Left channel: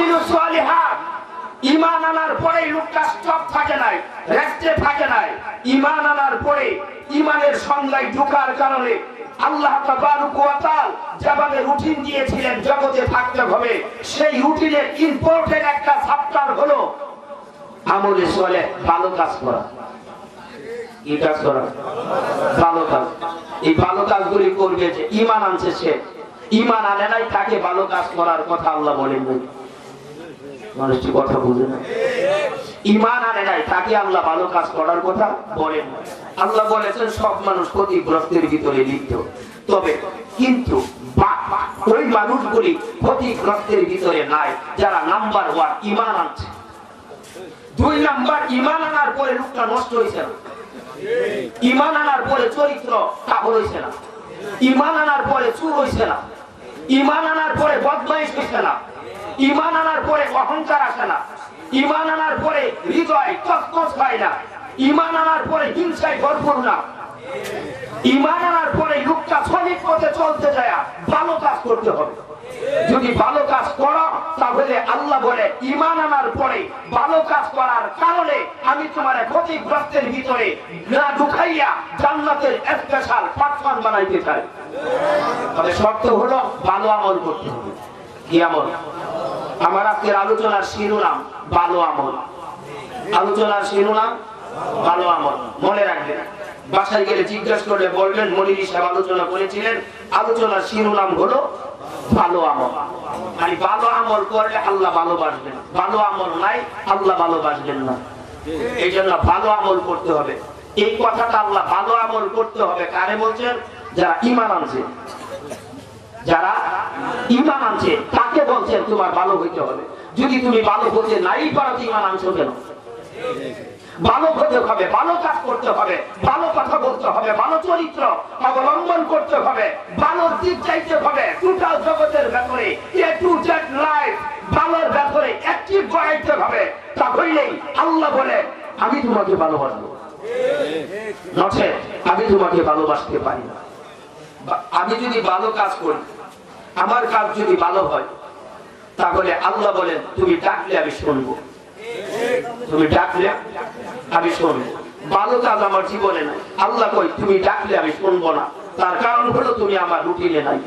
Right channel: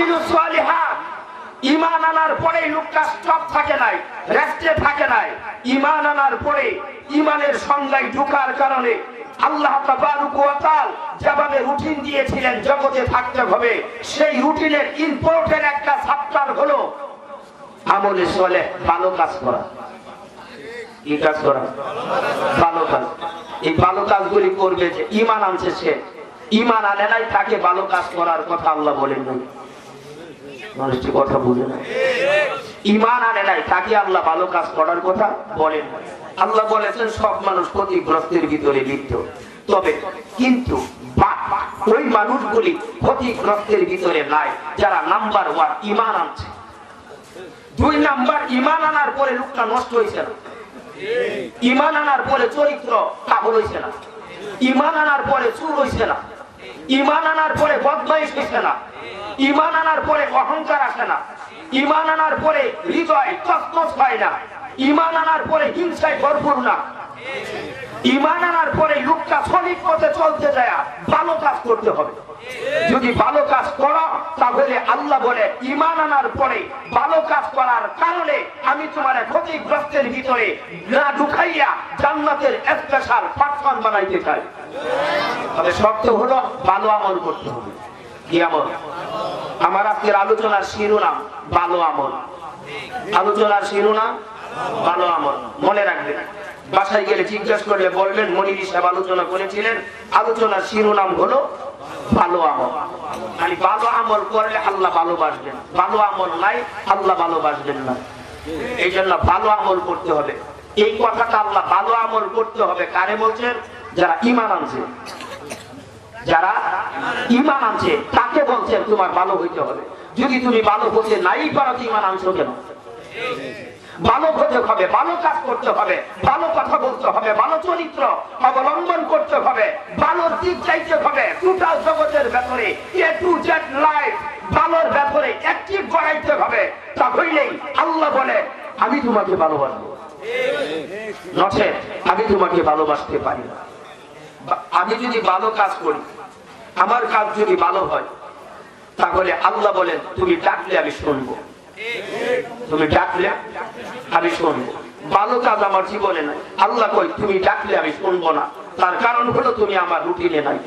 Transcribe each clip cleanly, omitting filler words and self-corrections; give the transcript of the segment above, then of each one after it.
আমিলুস সালিহাত, ঈমান আনার পরে লোকটা স্টপ থাকে নাই, রেস্টে থাকে নাই। ঈমান আনার পরে ঈমানের সংজ্ঞায় ঢোকার কারণে আল্লাহ তাবারক ওয়া তাআলা যেভাবে রুটিন দিয়েছিলেন জগতে থাকতে হবে, সেই রুটিনের ইম্পর্টেন্ট একটা চ্যাপ্টার হলো আমলে সালেহ, ভালো কাজ করা। কি কাজ করা? ভালো কাজ। এই ভালো কাজগুলি করবে যে ঈমান আনছে সে, ঈমান আনে নাই তাকে ভালো কাজ করার কথা আল্লাহ বলেন নাই। মানুষটি কথা বুঝে না, ঈমান আনে নাই তাকে আল্লাহ ভালো কাজ করার কথা বলেন নাই। আল্লাহ বলেছেন সব মানুষ ক্ষতিগ্রস্তের ভিতরে লিপ্ত, তবে কিন্তু ওই মানুষগুলি ক্ষতিগ্রস্তের ভিতরে নাই যারা নাম্বার 1 ঈমান আনছে। 2 নাম্বার ঈমান আনার পরে লোকটা নষ্ট হয়েছে না, ঈমান আনার পরে চরিত্র কাবল হয়েছে না, ঈমান আনার পরে চুর হয়েছে না, ঈমান আনার পরে বদমাইশ হয়েছে না, ঈমান আনার পরে অহংকার আসে না, ঈমান আনার পরে হৃদয় তছনছ হয় না, ঈমান আনার পরে হিংসায় ভরপুর না। ঈমান আনার পরে লোকটা সঠিক পথে চলতে যায়, ভালো কাজ করতে হবে। যদি ভালো কাজ করো তাহলে আল্লাহ বলে ঈমান আনার পরে ভালো কাজ করার কারণে আমি তোমার ক্ষতিগ্রস্তের ভিতরে না ঢুকাইয়া জান্নাতের স্পেশাল পার্সন বানাইতে চাই। তবে শর্ত হলো ভালো আমল করতে হবে। কি আমল? আমার আজকের আলোচনার শিরোনাম ভালো আমল। আলোচনার শিরোনাম ভালো আমল। মনে রাখবেন, বাসায় গেলে জিজ্ঞাসা করলে বলবেন মনির সাহেব আলোচনা করেছিলেন, আলোচনার শিরোনাম হলো ভালো আমল। আর ভালো আমল করলে আল্লাহ ভালোবাসবেন, ভালো আমল নাই আল্লাহ ভালোবাসবেন না। এই জন্য ভালো আমল করতে হবে। এই কথাটা আল্লাহ ভালো আমল করতে হবে কারে বলছেন? যারা ঈমান আনছে, যারা ঈমান আনছে তাকে বলছেন তোমার ভালো হইতে হবে। যদি তুমি ভালো হতে নাই পারো, ঈমান আনছো কেন? ভালো হতে হবে, ভালো কাজ করতে হবে, ভালো কথা বলতে হবে, ভালো চরিত্র অবলম্বন করতে হবে, ভালো দিক চাইতে হবে। টোটাল জগতের ব্যাপারে এ টু জেড লাইফ ভালোর ব্যাপারে অ্যাক্টিভ করাইতে হবে। তাহলেই আল্লাহ বলে আমি তোমাকে ভালোবাসবো, নচেৎ আমি তোমাকে ভালোবাসতে পারি না। আমি যদি ভালো কাজ করি, আমার কাজ যদি ভালো হয়, তাহলে আল্লাহ বলেন তুমি ডাকলে আমি শুনবো, তুমি ডাকলে আমি শুনবো। ভালো কাজ আমার জীবনে নাই, আল্লাহ কই তুমি ডাকলে আমি শুনবো না। তার কারণ হলো তুমি আমার রুটিনে নাই।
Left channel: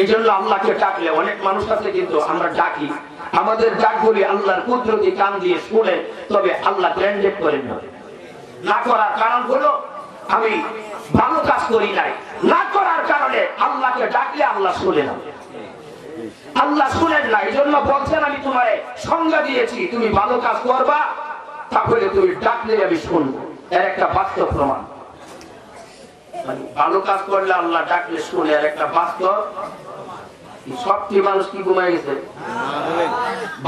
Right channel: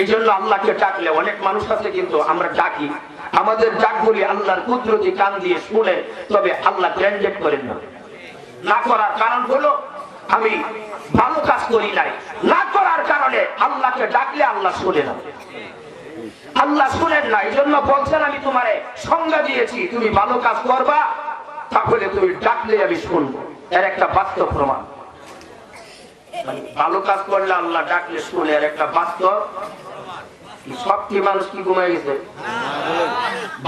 এই জন্য আল্লাহকে ডাকলে, অনেক মানুষ আছে কিন্তু আমরা ডাকি, আমাদের ডাকগুলি আল্লাহর কুদরতি কান দিয়ে শুনে, তবে আল্লাহ গ্র্যান্ডেড করেন না। না করার কারণ হলো আমি ভালো কাজ করি নাই, না করার কারণে আল্লাহকে ডাকলে আল্লাহ শুনে না, আল্লাহ শুনেন না। এই জন্য বলছেন আমি তোমারে সংজ্ঞা দিয়েছি, তুমি ভালো কাজ করবা, তাহলে তুমি ডাকলে আমি শুনবো। এর একটা বাস্তব প্রমাণ। ভালো কাজ করলে আল্লাহ ডাকলে শুনে, এর একটা বাস্তব। সবটি মানুষ কি ঘুমাই গেছে?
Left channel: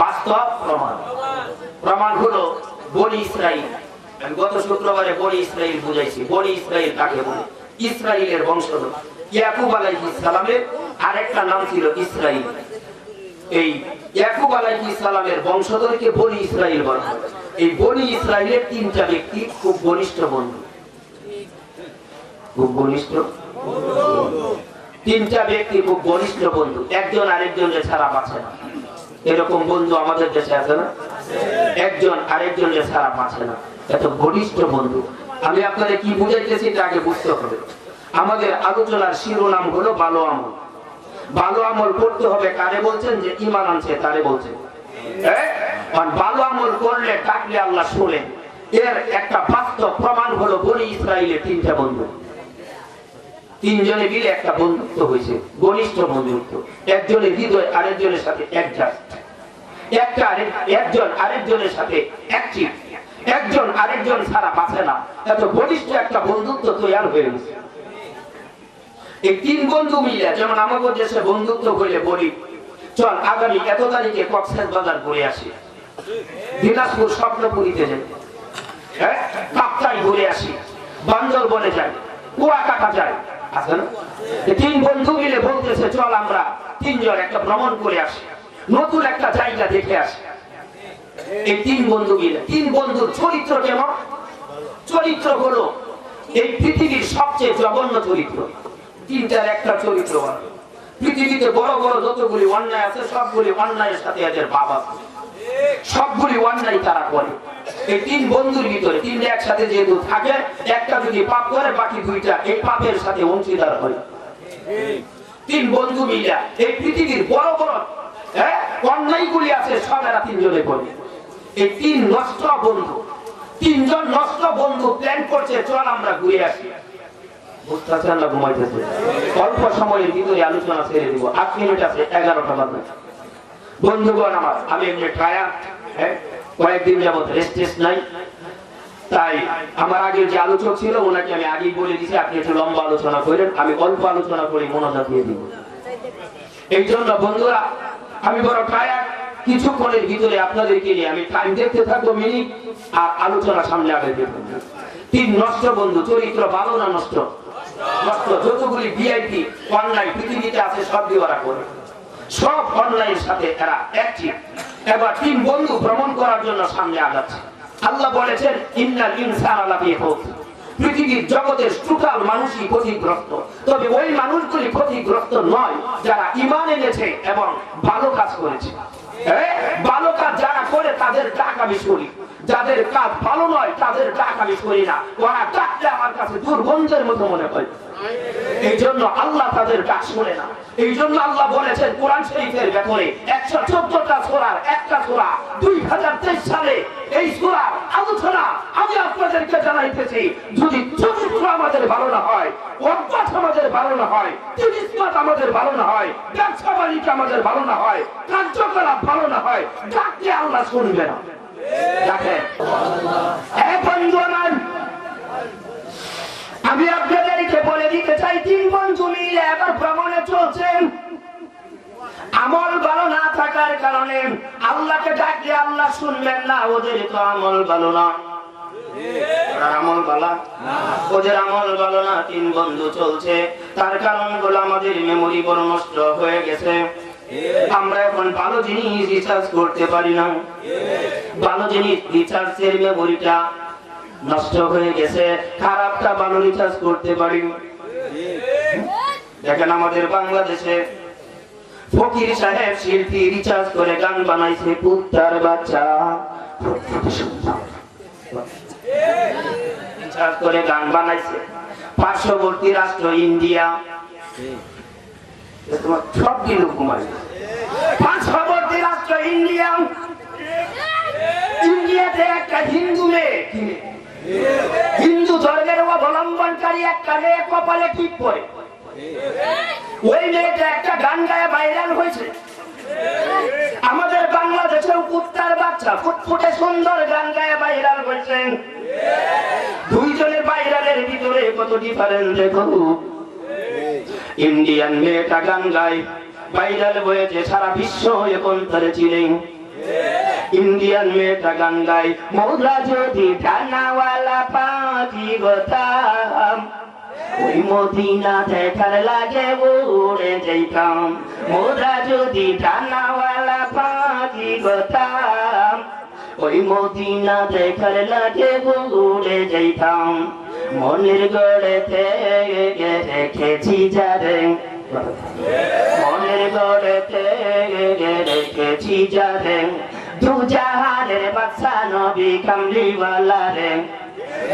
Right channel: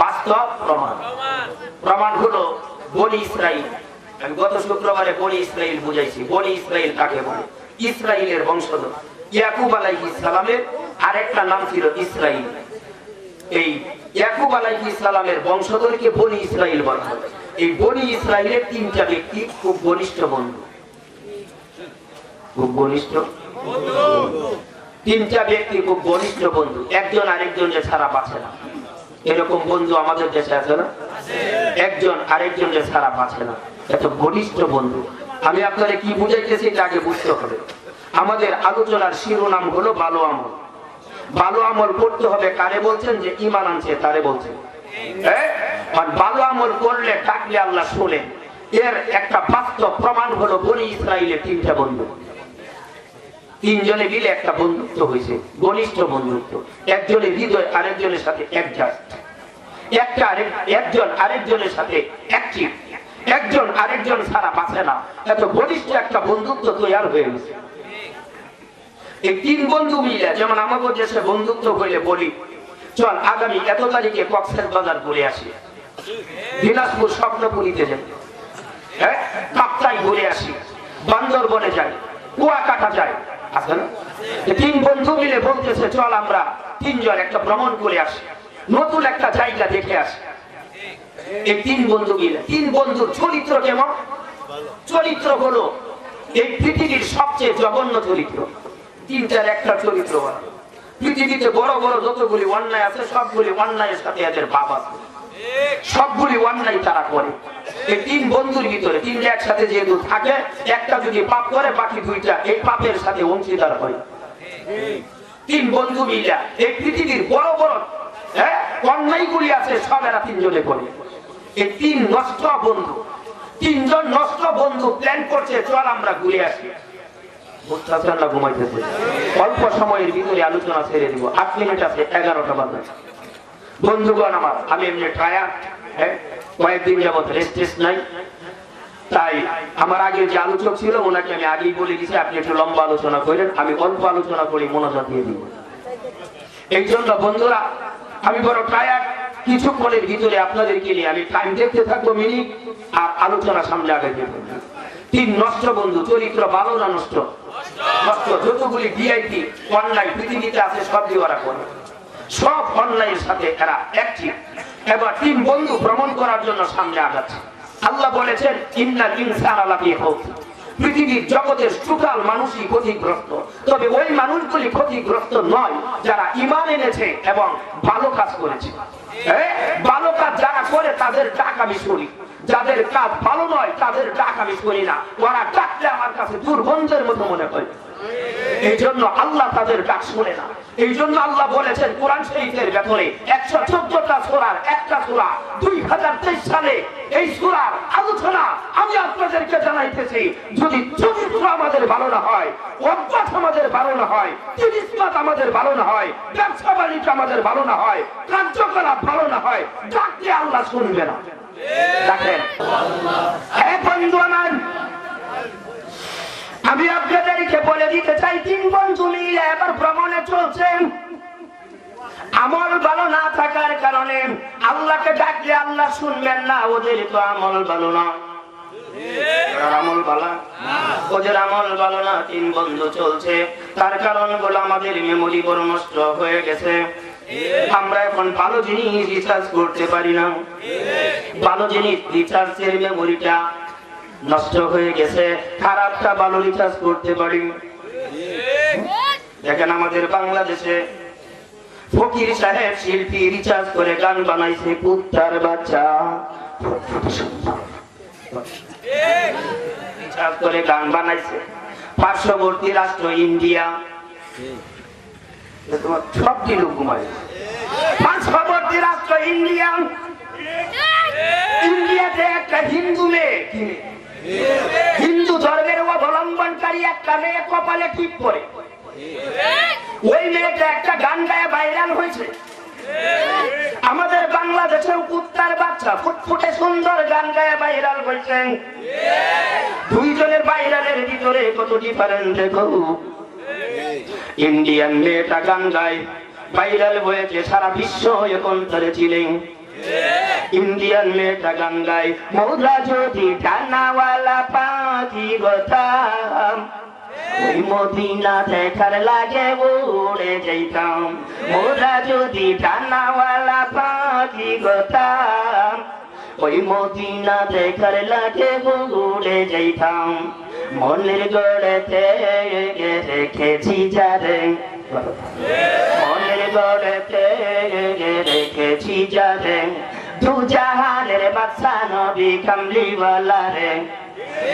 বাস্তব প্রমাণ। প্রমাণ হলো বনি ইসরাইল। আমি গত শুক্রবারে বনি ইসরাইল বুঝাইছি। বনি ইসরাইল কাকে বলে? ইসরাইলের বংশধর। ইয়াকুব আলাইহিস সালামের আরেকটা নাম ছিল ইসরাইল। এই ইয়াকুব আলাইহিস সালামের বংশধরকে বনি ইসরাইল বলা হয়। এই বনি ইসরাইলের 3টা ব্যক্তি খুব ঘনিষ্ঠ বন্ধু, খুব ঘনিষ্ঠ 3টা ব্যক্তি খুব ঘনিষ্ঠ বন্ধু, একজন আরেকজনের ছাড়া বাঁচে না। এরকম বন্ধু আমাদের দেশে আছে না? একজন আরেকজনের ছাড়া বাঁচে না, এত ঘনিষ্ঠ বন্ধু। আমি আপনাদের কি বুঝাইতেছি এটা আগে বুঝতে হবে। আমাদের আলোচনার শিরোনাম হলো ভালো আমল। ভালো আমল করতে হবে কারে বলছেন? যে ঈমান আনছে তারে বলছেন। আর ভালো আমল করলে ডাকলে আল্লাহ শুনেন। এর একটা বাস্তব প্রমাণ হলো বনি ইসরাইলের 3টা বন্ধু, 3 জনে মিলে একটা বন্ধুত্ব হয়েছে, ঘনিষ্ঠ বন্ধুত্ব। একজনের হৃদয় আরেকজনের সাথে অ্যাডজাস্ট, একজন আরেকজনের সাথে অ্যাক্টিভ, একজন আরেকজন ছাড়া বাঁচে না। এত ঘনিষ্ঠ একটা বন্ধুত্ব তৈরি হয়ে গেছে। এই 3 বন্ধু মিলে, যেমন আমাদের দেশে বন্ধুত্ব হইলে বলি চল আগামী এত তারিখে কক্সবাজার ঘুরে আসি, দিনাজপুর স্বপ্নপুরীতে যাই, কাপ্তাই ঘুরে আসি, বান্দরবনে যাই, কুয়াকাটা যাই, আছে না? 3 বন্ধু মিলে বলতেছে চল আমরা 3 জন একটা ভ্রমণ করে আসি, নতুন একটা জায়গা দেখে আসি। এই 3 বন্ধু মিলে, 3 বন্ধুর চরিত্র কেমন? চরিত্র হলো এই পৃথিবীর সবচেয়ে জঘন্য চরিত্র। 3টার একটা চরিত্র, পৃথিবীতে বড় বড় যতগুলি অন্যায় আছে সবগুলি অন্যায়ের সাথে এদের ভাব আছে, সবগুলি অন্যায় তারা করে। এই তিন বন্ধুর ভিতরে তিনটা একসাথে যেহেতু থাকে, একটা যদি পাপ করে বাকি দুইটা এই পাপের সাথে অংশীদার হয়। তিন বন্ধু মিলে এই পৃথিবীর বড় বড় অন্যায়গুলি আছে সব এরা তিনজনে করে। এই তিন নষ্ট বন্ধু, তিনজন নষ্ট বন্ধু প্ল্যান করছে চল আমরা ঘুরে আসি। বুঝতেছেন না? ঘুমাইতেছে। অল্প সময়ের ভিতরে আলোচনা ছেড়ে দিব, 8 মিনিট আছে, 11টা বাজে। বন্ধুগণ আমার, আমি এমনি ট্রায়ার কয়েকদিন যাবত রেস্ট নাই, তাই আমার আগে যে আলোচক ছিল ওনাকে আমি আগেই বলে দিচ্ছি আপনি একটু লম্বা আলোচনা করেন, আমি অল্প আলোচনা করে মনোযোগ দিয়ে দিব। এই জন্য বন্ধুরা আমি বড় ট্রায়ার, কিছুক্ষণের ভিতরে আপনাদেরকে নিয়ে আমি টাইম দেখতে থাকবো মিনিট, আর আলোচনা সামনে আগে দেবো। তিন নষ্ট বন্ধু, চরিত্র ভালো না নষ্ট? নষ্ট। যতগুলি ভিআইপি অনলাইন পৃথিবীতে আছে সব দিয়ে ওরা করে, সব অনলাইনের সাথে এরা অ্যাক্টিভ। এবার তিন বন্ধু ভ্রমণ করার জন্য সামনে আগাচ্ছে। আল্লাহ বলেছেন ইন্নাল ইনসানা লাফি খুসর, পৃথিবীর জগতের টোটাল মানুষই ক্ষতিগ্রস্ত, তবে ওই মানুষগুলি ক্ষতিগ্রস্ত নয় যারা ঈমান এনেছে এবং ভালো কাজ করেছে। ভালো কাজ যারা করে তাদের ডাক আমি শুনি, যাদের কাজ ভালো নয় তাদের ডাক আমি শুনি না। ওরা ডাকলে আমার কাছে দুর্গন্ধের মতো মনে হয়, এই জন্য আল্লাহ তাদের ডাক শুনে না। এই জন্য আল্লাহ বলেছেন কোরআন শরীফের ভেতরে 114টা সূরার একটা সূরা 2023 সালে এই সূরার আলোচনা আমি আপনাদেরকে জানাইতেছি। যদি চরিত্র আমাদের ভালো না হয়, অভ্যাস আমাদের ভালো না হয়, তিরিশমাত আমাদের ভালো না হয়, ব্যবসা বাণিজ্য আমাদের ভালো না হয়, কার্যকলাপ ভালো না হয়, ডাকলে আল্লাহ শুনবে না। দেখেন আমি আপনাদেরকে বলে দিতে চাই, তিন বন্ধু মিলে এবার ভ্রমণে চলছেন। আমল ভালো না থাকার কারণে আল্লাহকে ডাকলে আল্লাহ শুনবেন না, ওদের তো আমল ভালো না। আমল ভালো না, ওদের আমল ভালো না। তিন বন্ধু চলছে, তার কারণ হলো আমাদের মেমোরি বড় নষ্ট হয়ে গেছে। আমরা এখন ভালো জিনিস রিচার্জ করতে পারি না, ভালো জিনিস রিচার্জের মেমোরিটা নষ্ট হয়ে গেছে, খারাপটা ভালো রিচার্জ করতে পারি। দেখেন আমাদের বাংলাদেশে ফকির সাহেব শিল্পী রিচার্জ করে গান বানাইছে, কুত্তার বাচ্চা রিচার্জ করে গান বানাইছে। পার্শ্ববর্তী রাষ্ট্র ইন্ডিয়া সব দিন ঘুমাই, পার্শ্ববর্তী রাষ্ট্র ইন্ডিয়া, ইন্ডিয়াতে একটা হিন্দু মেয়ে, হিন্দু ধর্মের অবলম্বনকারী একটা মেয়ে কপালে টিপ পরে, ওই মেয়েটা একটা গান গায়ে ভাইরাল হয়েছে। আমাদের বাংলাদেশের কুত্তার বাচ্চা ফুটফুটে সুন্দর গান গায়ে ভাইরাল হয়েছে। দুইজনের ভাইরালের ভিতরে কত ডিফারেন্স দেখো। ইন্ডিয়ান মেয়েটা গান গায় ভাইরাল হয়েছে, সারা বিশ্ব এখন তারে চিনে। ইন্ডিয়ান মেয়েটা গান গায় মোরা যদি ডানাওয়ালা পাখি গোতাম, ওই মদিনা দেখার লাগে উড়ে যাইতাম। মোরা যদি ডানাওয়ালা পাখি গোতাম, ওই মদিনা দেখার লাগে উড়ে যাইতাম। মনের গড়েতে রেখেছি যারে, মনের গড়েতে রেখেছি যারে, দু জাহানের বাদশা নবী কামলিওয়ালা রে,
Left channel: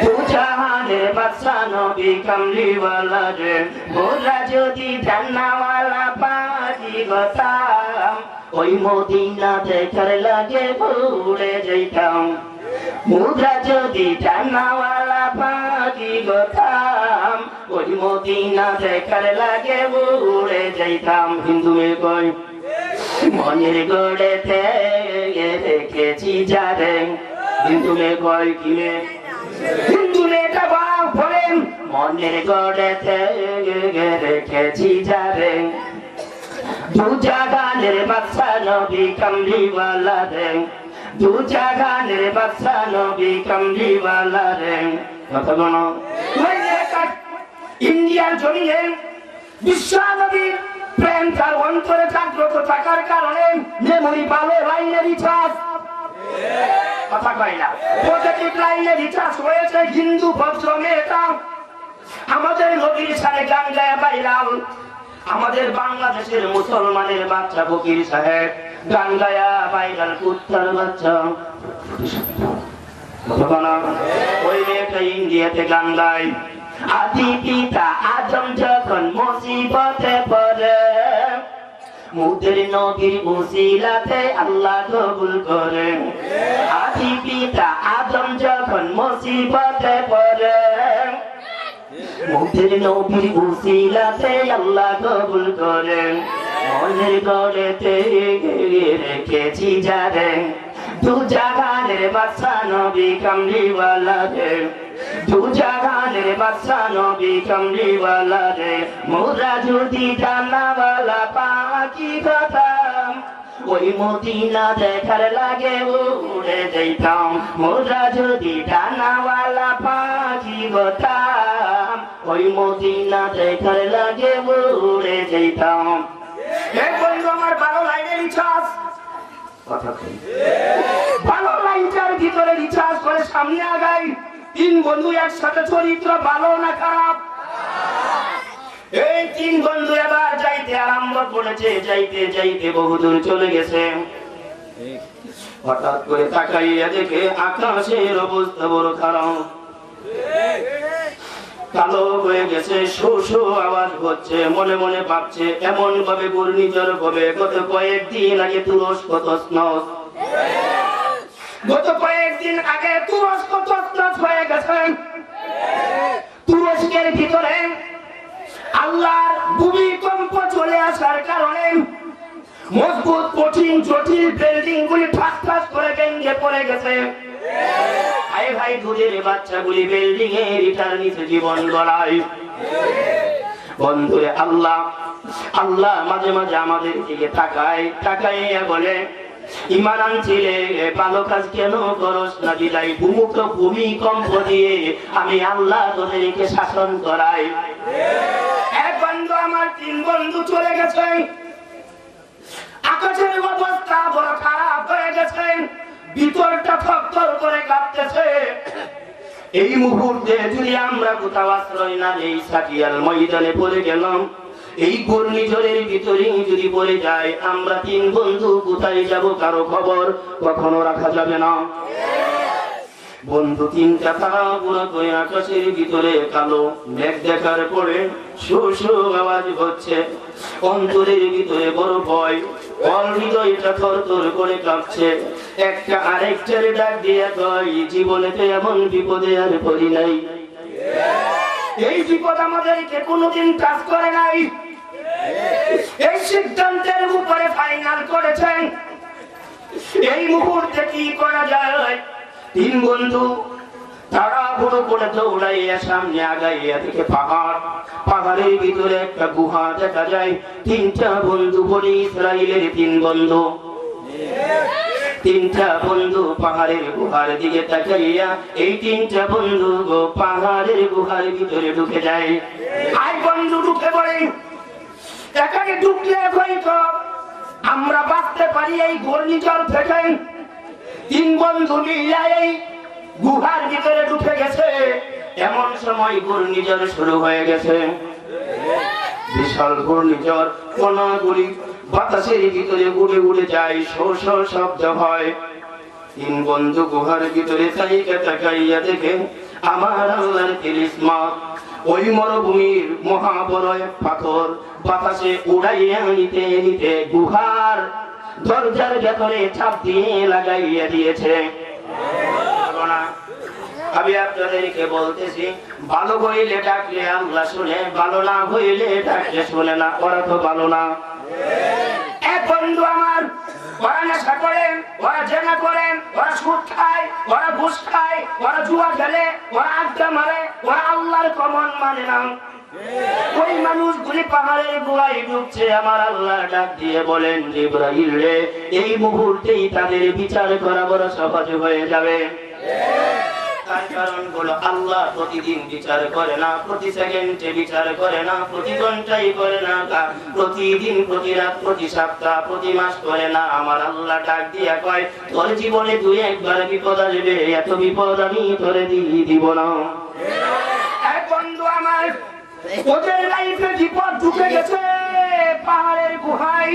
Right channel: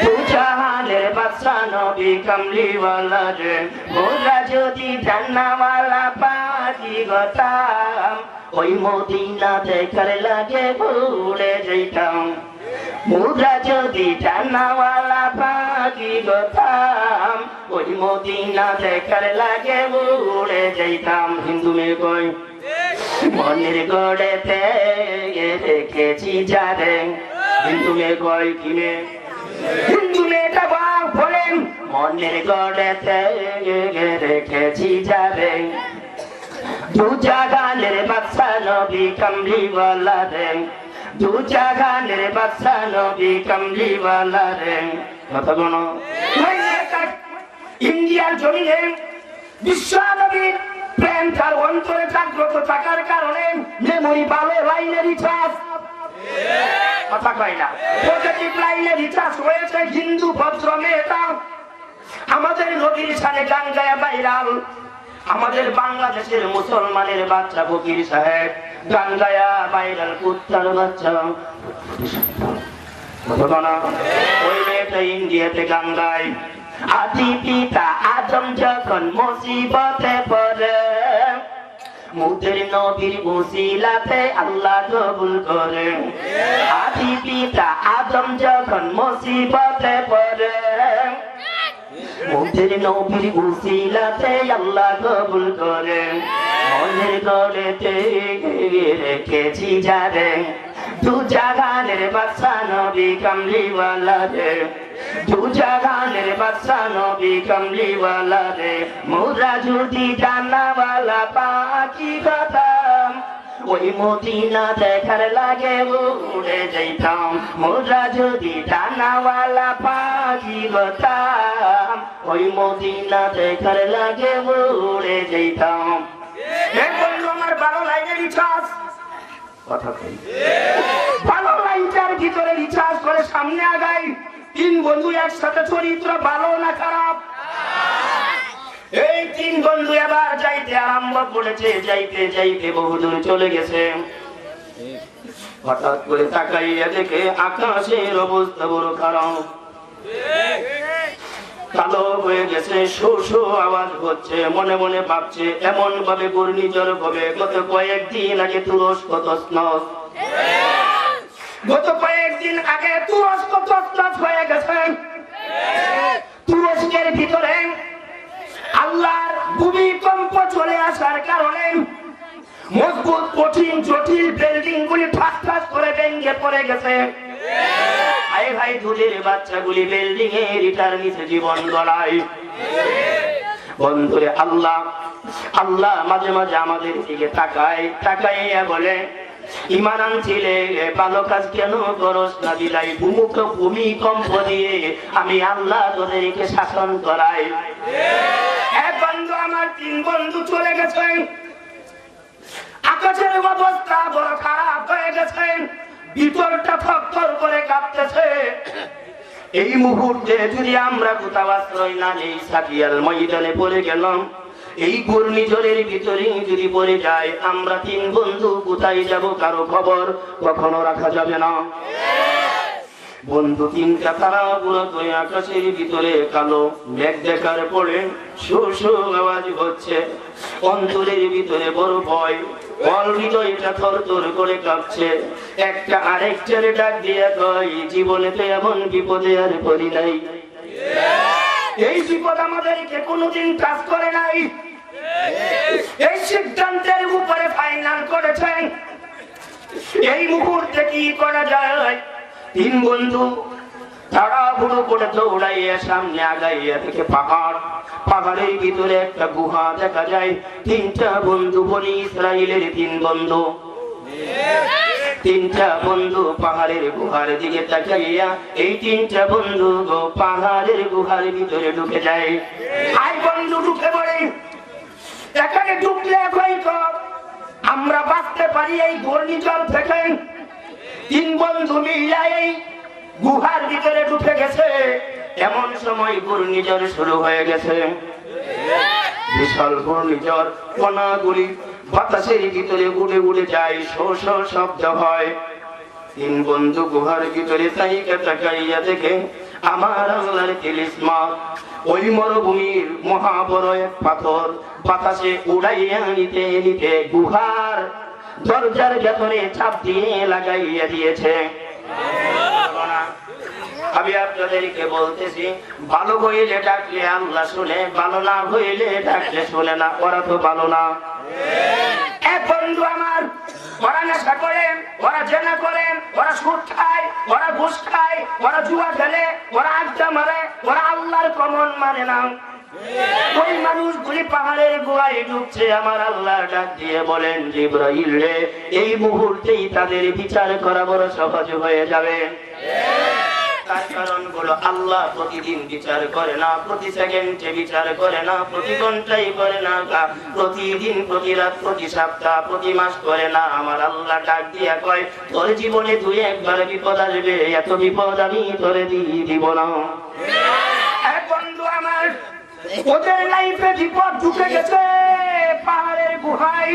দু জাহানের বাদশা নবী কামলিওয়ালা রে। মোরা যদি ডানাওয়ালা পাখি গোতাম, ওই মদিনা দেখার লাগে উড়ে যাইতাম। মোরা যদি ডানাওয়ালা পাখি গোতাম, ওই মদিনা দেখার লাগে উড়ে যাইতাম। হিন্দু মেয়ে কয় মনের গড়েতে রেখেছি যারে, হিন্দু মেয়ে কয় কিনে, হিন্দু মেয়েটা বাপ বলেন মনের গড়েতে রেখেছি যারে, দু জাহানের বাদশা নবী কামলিওয়ালা রে, দু জাহানের বাদশা নবী কামলিওয়ালা রে। কথা বলো, ইন্ডিয়ার জমিনে বিশ্ব নবীর প্রেম তার অন্তরে জাগ্রত থাকার কারণে মেমোরি ভালো লাইনে রিচার্জ, কথা কয় না, পজিটিভ লাইনে রিচার্জ হয়েছে। হিন্দু ভদ্র মেয়েটা আমাদের নবীর সাথে গান গায়ে ভাইরাল, আমাদের বাংলাদেশের মুসলমানের বাচ্চা ফকির সাহেব গান গায়া ভাইরাল কুত্তার বাচ্চা ওই মেয়েটা ইন্ডিয়াতে গান গায় আদি পিতা আদম যখন মুসিবতে পড়ে মুদের নবীর উসিলাতে আল্লাহ কবুল করে আদি পিতা আদম যখন মুসিবতে পড়ে মুদের নবীর উসিলাতে আল্লাহ কবুল করে মনের গড়েতে রেখেছি যারে দু জাহানের বাদশা নবী কামলিওয়ালা রে দু জাহানের বাদশা নবী কামলিওয়ালা রে মোরা যদি ডানাওয়ালা পাখি হতাম ওই মদিনা দেখার লাগে উড়ে যাইতাম মোরা যদি ডানাওয়ালা পাখি হতাম ওই মদিনা দেখার লাগে উড়ে যাইতাম। এই বন্ধু আমার ভালো লাগে রিচার্জ কথা কই ভালো লাইটার ভিতরে রিচার্জ করে সামনে আগাই তিন বন্ধু একসাথে চরিত্র ভালো না খারাপ এই তিন বন্ধু এবার যাইতে আরম্ভ করেছে যাইতে যাইতে বহুদূর চলে গেছে হঠাৎ করে তাকাইয়া দেখে আকাশের অবস্থা বড় খারাপ কালো হয়ে গেছে শো শো আওয়াজ হচ্ছে মনে মনে ভাবছে এমন ভাবে ঘূর্ণিঝড় হবে গত কয়েকদিন আগে তুরস্ক তছনছ গত কয়েকদিন আগে তুরস্ক তছনছ হয়ে গেছে তুরস্কের ভিতরে আল্লাহর ভূমিকম্প চলে আসার কারণে মজবুত কঠিন জটিল বিল্ডিং গুলি ঠাস ঠাস করে ভেঙে পড়ে গেছে আয় ভাই দুধের বাচ্চাগুলি বিল্ডিং এর ইটার নিচে জীবন গড়ায় বন্ধুরে আল্লাহ আল্লাহ মাঝে মাঝে আমাদের দিকে তাকাইয়া বলে ঈমান আনছিলে ভালো কাজ কেন করস না দিলাই ভূমিকম্প দিয়ে আমি আল্লাহ তোদেরকে শাসন করাই এক বন্ধু আমার তিন বন্ধু চলে গেছে আকাশের অবস্থা বড় খারাপ হয়ে গেছে ভিতরটা থরথর করে কাঁপতেছে এই মুহূর্তে যদি আমরা কোথাও আশ্রয় না নেই সাটিয়াল ময়দানে পড়ে গেলাম এই ঘূর্ণিঝড়ের ভিতরে যদি পড়ে যায় আমরা তিন বন্ধু কোথায় যাব কারো খবর কখনো রাখা যাবে না বন্ধু তিনটা তারা পুরো করে আকাশের ভিতরে কালো মেঘ দেখার পরে শো শো আওয়াজ হচ্ছে অন্তরের ভিতরে বড় ভয় হৃদয়টা থরথর করে কাঁপছে একটা আরেকটার ডাক দিয়া কয় জীবনেতে এমন বিপদে আর পড়ি নাই এই বিপদ আমাদেরকে কোনোদিন টাচ করে নাই এই সিদ্ধান্তের উপরে ফাইনাল করেছেন এই মুহূর্তে কি করা যায় তিন বন্ধু তারা পুরো করে দৌড়াইয়া সামনে আগাইয়া থেকে পাহাড়ের ভিতরে একটা গুহা দেখা যায় তিনটা বন্ধু বনি ইসরায়েলের তিনটা বন্ধু পাহাড়ের গুহার দিকে তাকাইয়া এই তিনটা বন্ধু পাহাড়ের গুহার ভিতরে ঢুকে যায় আই বন্ধু ঢুকে পড়ে এখানে ঢুকলে হয়তো আমরা বাঁচতে পারি এই ঘূর্ণিঝড় থেকে তিন বন্ধু মিলে এই গুহার ভিতরে ঢুকে গেছে এমন সময় ঘূর্ণিঝড় শুরু হয়ে গেছে বিশাল ঘূর্ণিঝড় কণাগুলি বাতাসের ভিতরে উড়ে উড়ে যায় শো শো শব্দ হয় তিন বন্ধু গুহার ভিতরে তাকাইয়া দেখে আমার আল্লাহর তিলিস্মাত ওই মরুভূমির মহাবড় এক পাথর বাতাসে উড়াইয়া নিতে নিতে গুহার দরজার ভেতরে চাপ দিয়ে লাগাইয়া দিয়েছে আমি আপনাদেরকে বলতেছি ভালো হইলে ডাকলে আল্লাহ শুনে ভালো না হইলে ডাকলে শুনে না ওরা তো ভালো না এক বন্ধু আমার ওরা নেশা করে ওরা জেনা করে ওরা সুদ খায় ওরা ঘুষ খায় ওরা জুয়া খেলে ওরা আড্ডা মারে ওরা আল্লাহর কমন মানে না ওই মানুষগুলি পাহাড়ের গুহায় ঢুকছে আমার আল্লাহ ডাক দিয়ে বলেন জিবরাইল রে এই মুহূর্তেই তাদের বিচার করা বড় সহজ হয়ে যাবে তার কারণ হলো আল্লাহ প্রতিদিন বিচার করে না প্রতি সেকেন্ডে বিচার করে না প্রতি ঘন্টায় করে না প্রতিদিন প্রতি রাত প্রতি সপ্তাহ প্রতি মাস করে না আমার আল্লাহ ডাক দিয়া কয় তোর জীবনে দুই একবার বিপদ আসবে এত বিপদ আমি তোরে দিব না এক বন্ধু আমার ওদের লাইফে বিপদ ঢুকে গেছে পাহাড়ের গুহায়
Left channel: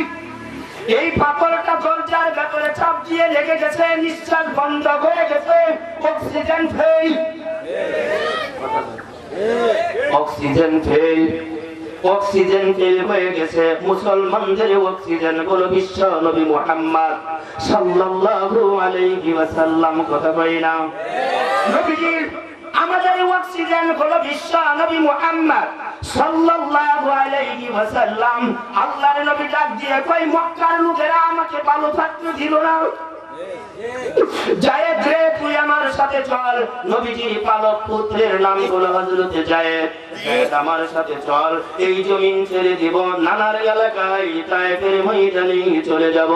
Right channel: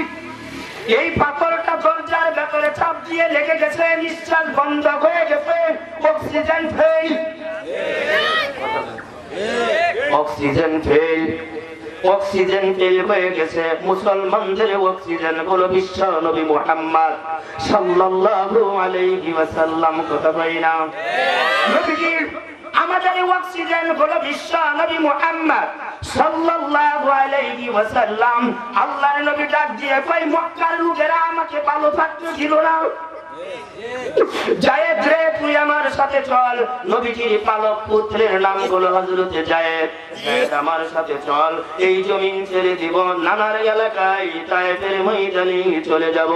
এই পাথরটা দরজার ভেতরে চাপ দিয়ে লেগে গেছে, নিঃশ্বাস বন্ধ হয়ে গেছে, oxygen fail, oxygen fail, oxygen fail হয়ে গেছে। মুসলমানদের অক্সিজেন হলো বিশ্ব নবী মুহাম্মদ সাল্লাল্লাহু আলাইহি ওয়াসাল্লাম। কথা কই না? নবীজির আমাদের অক্সিজেন হলো বিশ্ব নবী মুহাম্মদ সাল্লাল্লাহু আলাইহি ওয়াসাল্লাম। আল্লাহর নবী ডাক দিয়ে কই, মক্কার লোকেরা আমাকে ভালো থাকতে দিল না, জায়েদ রে তুই আমার সাথে চল। নবীজির পালক পুত্রের নাম হলো হযরত জায়েদ। আমার সাথে চল, এই জমিন ছেড়ে দিব, নানার এলাকায় তায়েফের ময়দানে চলে যাব।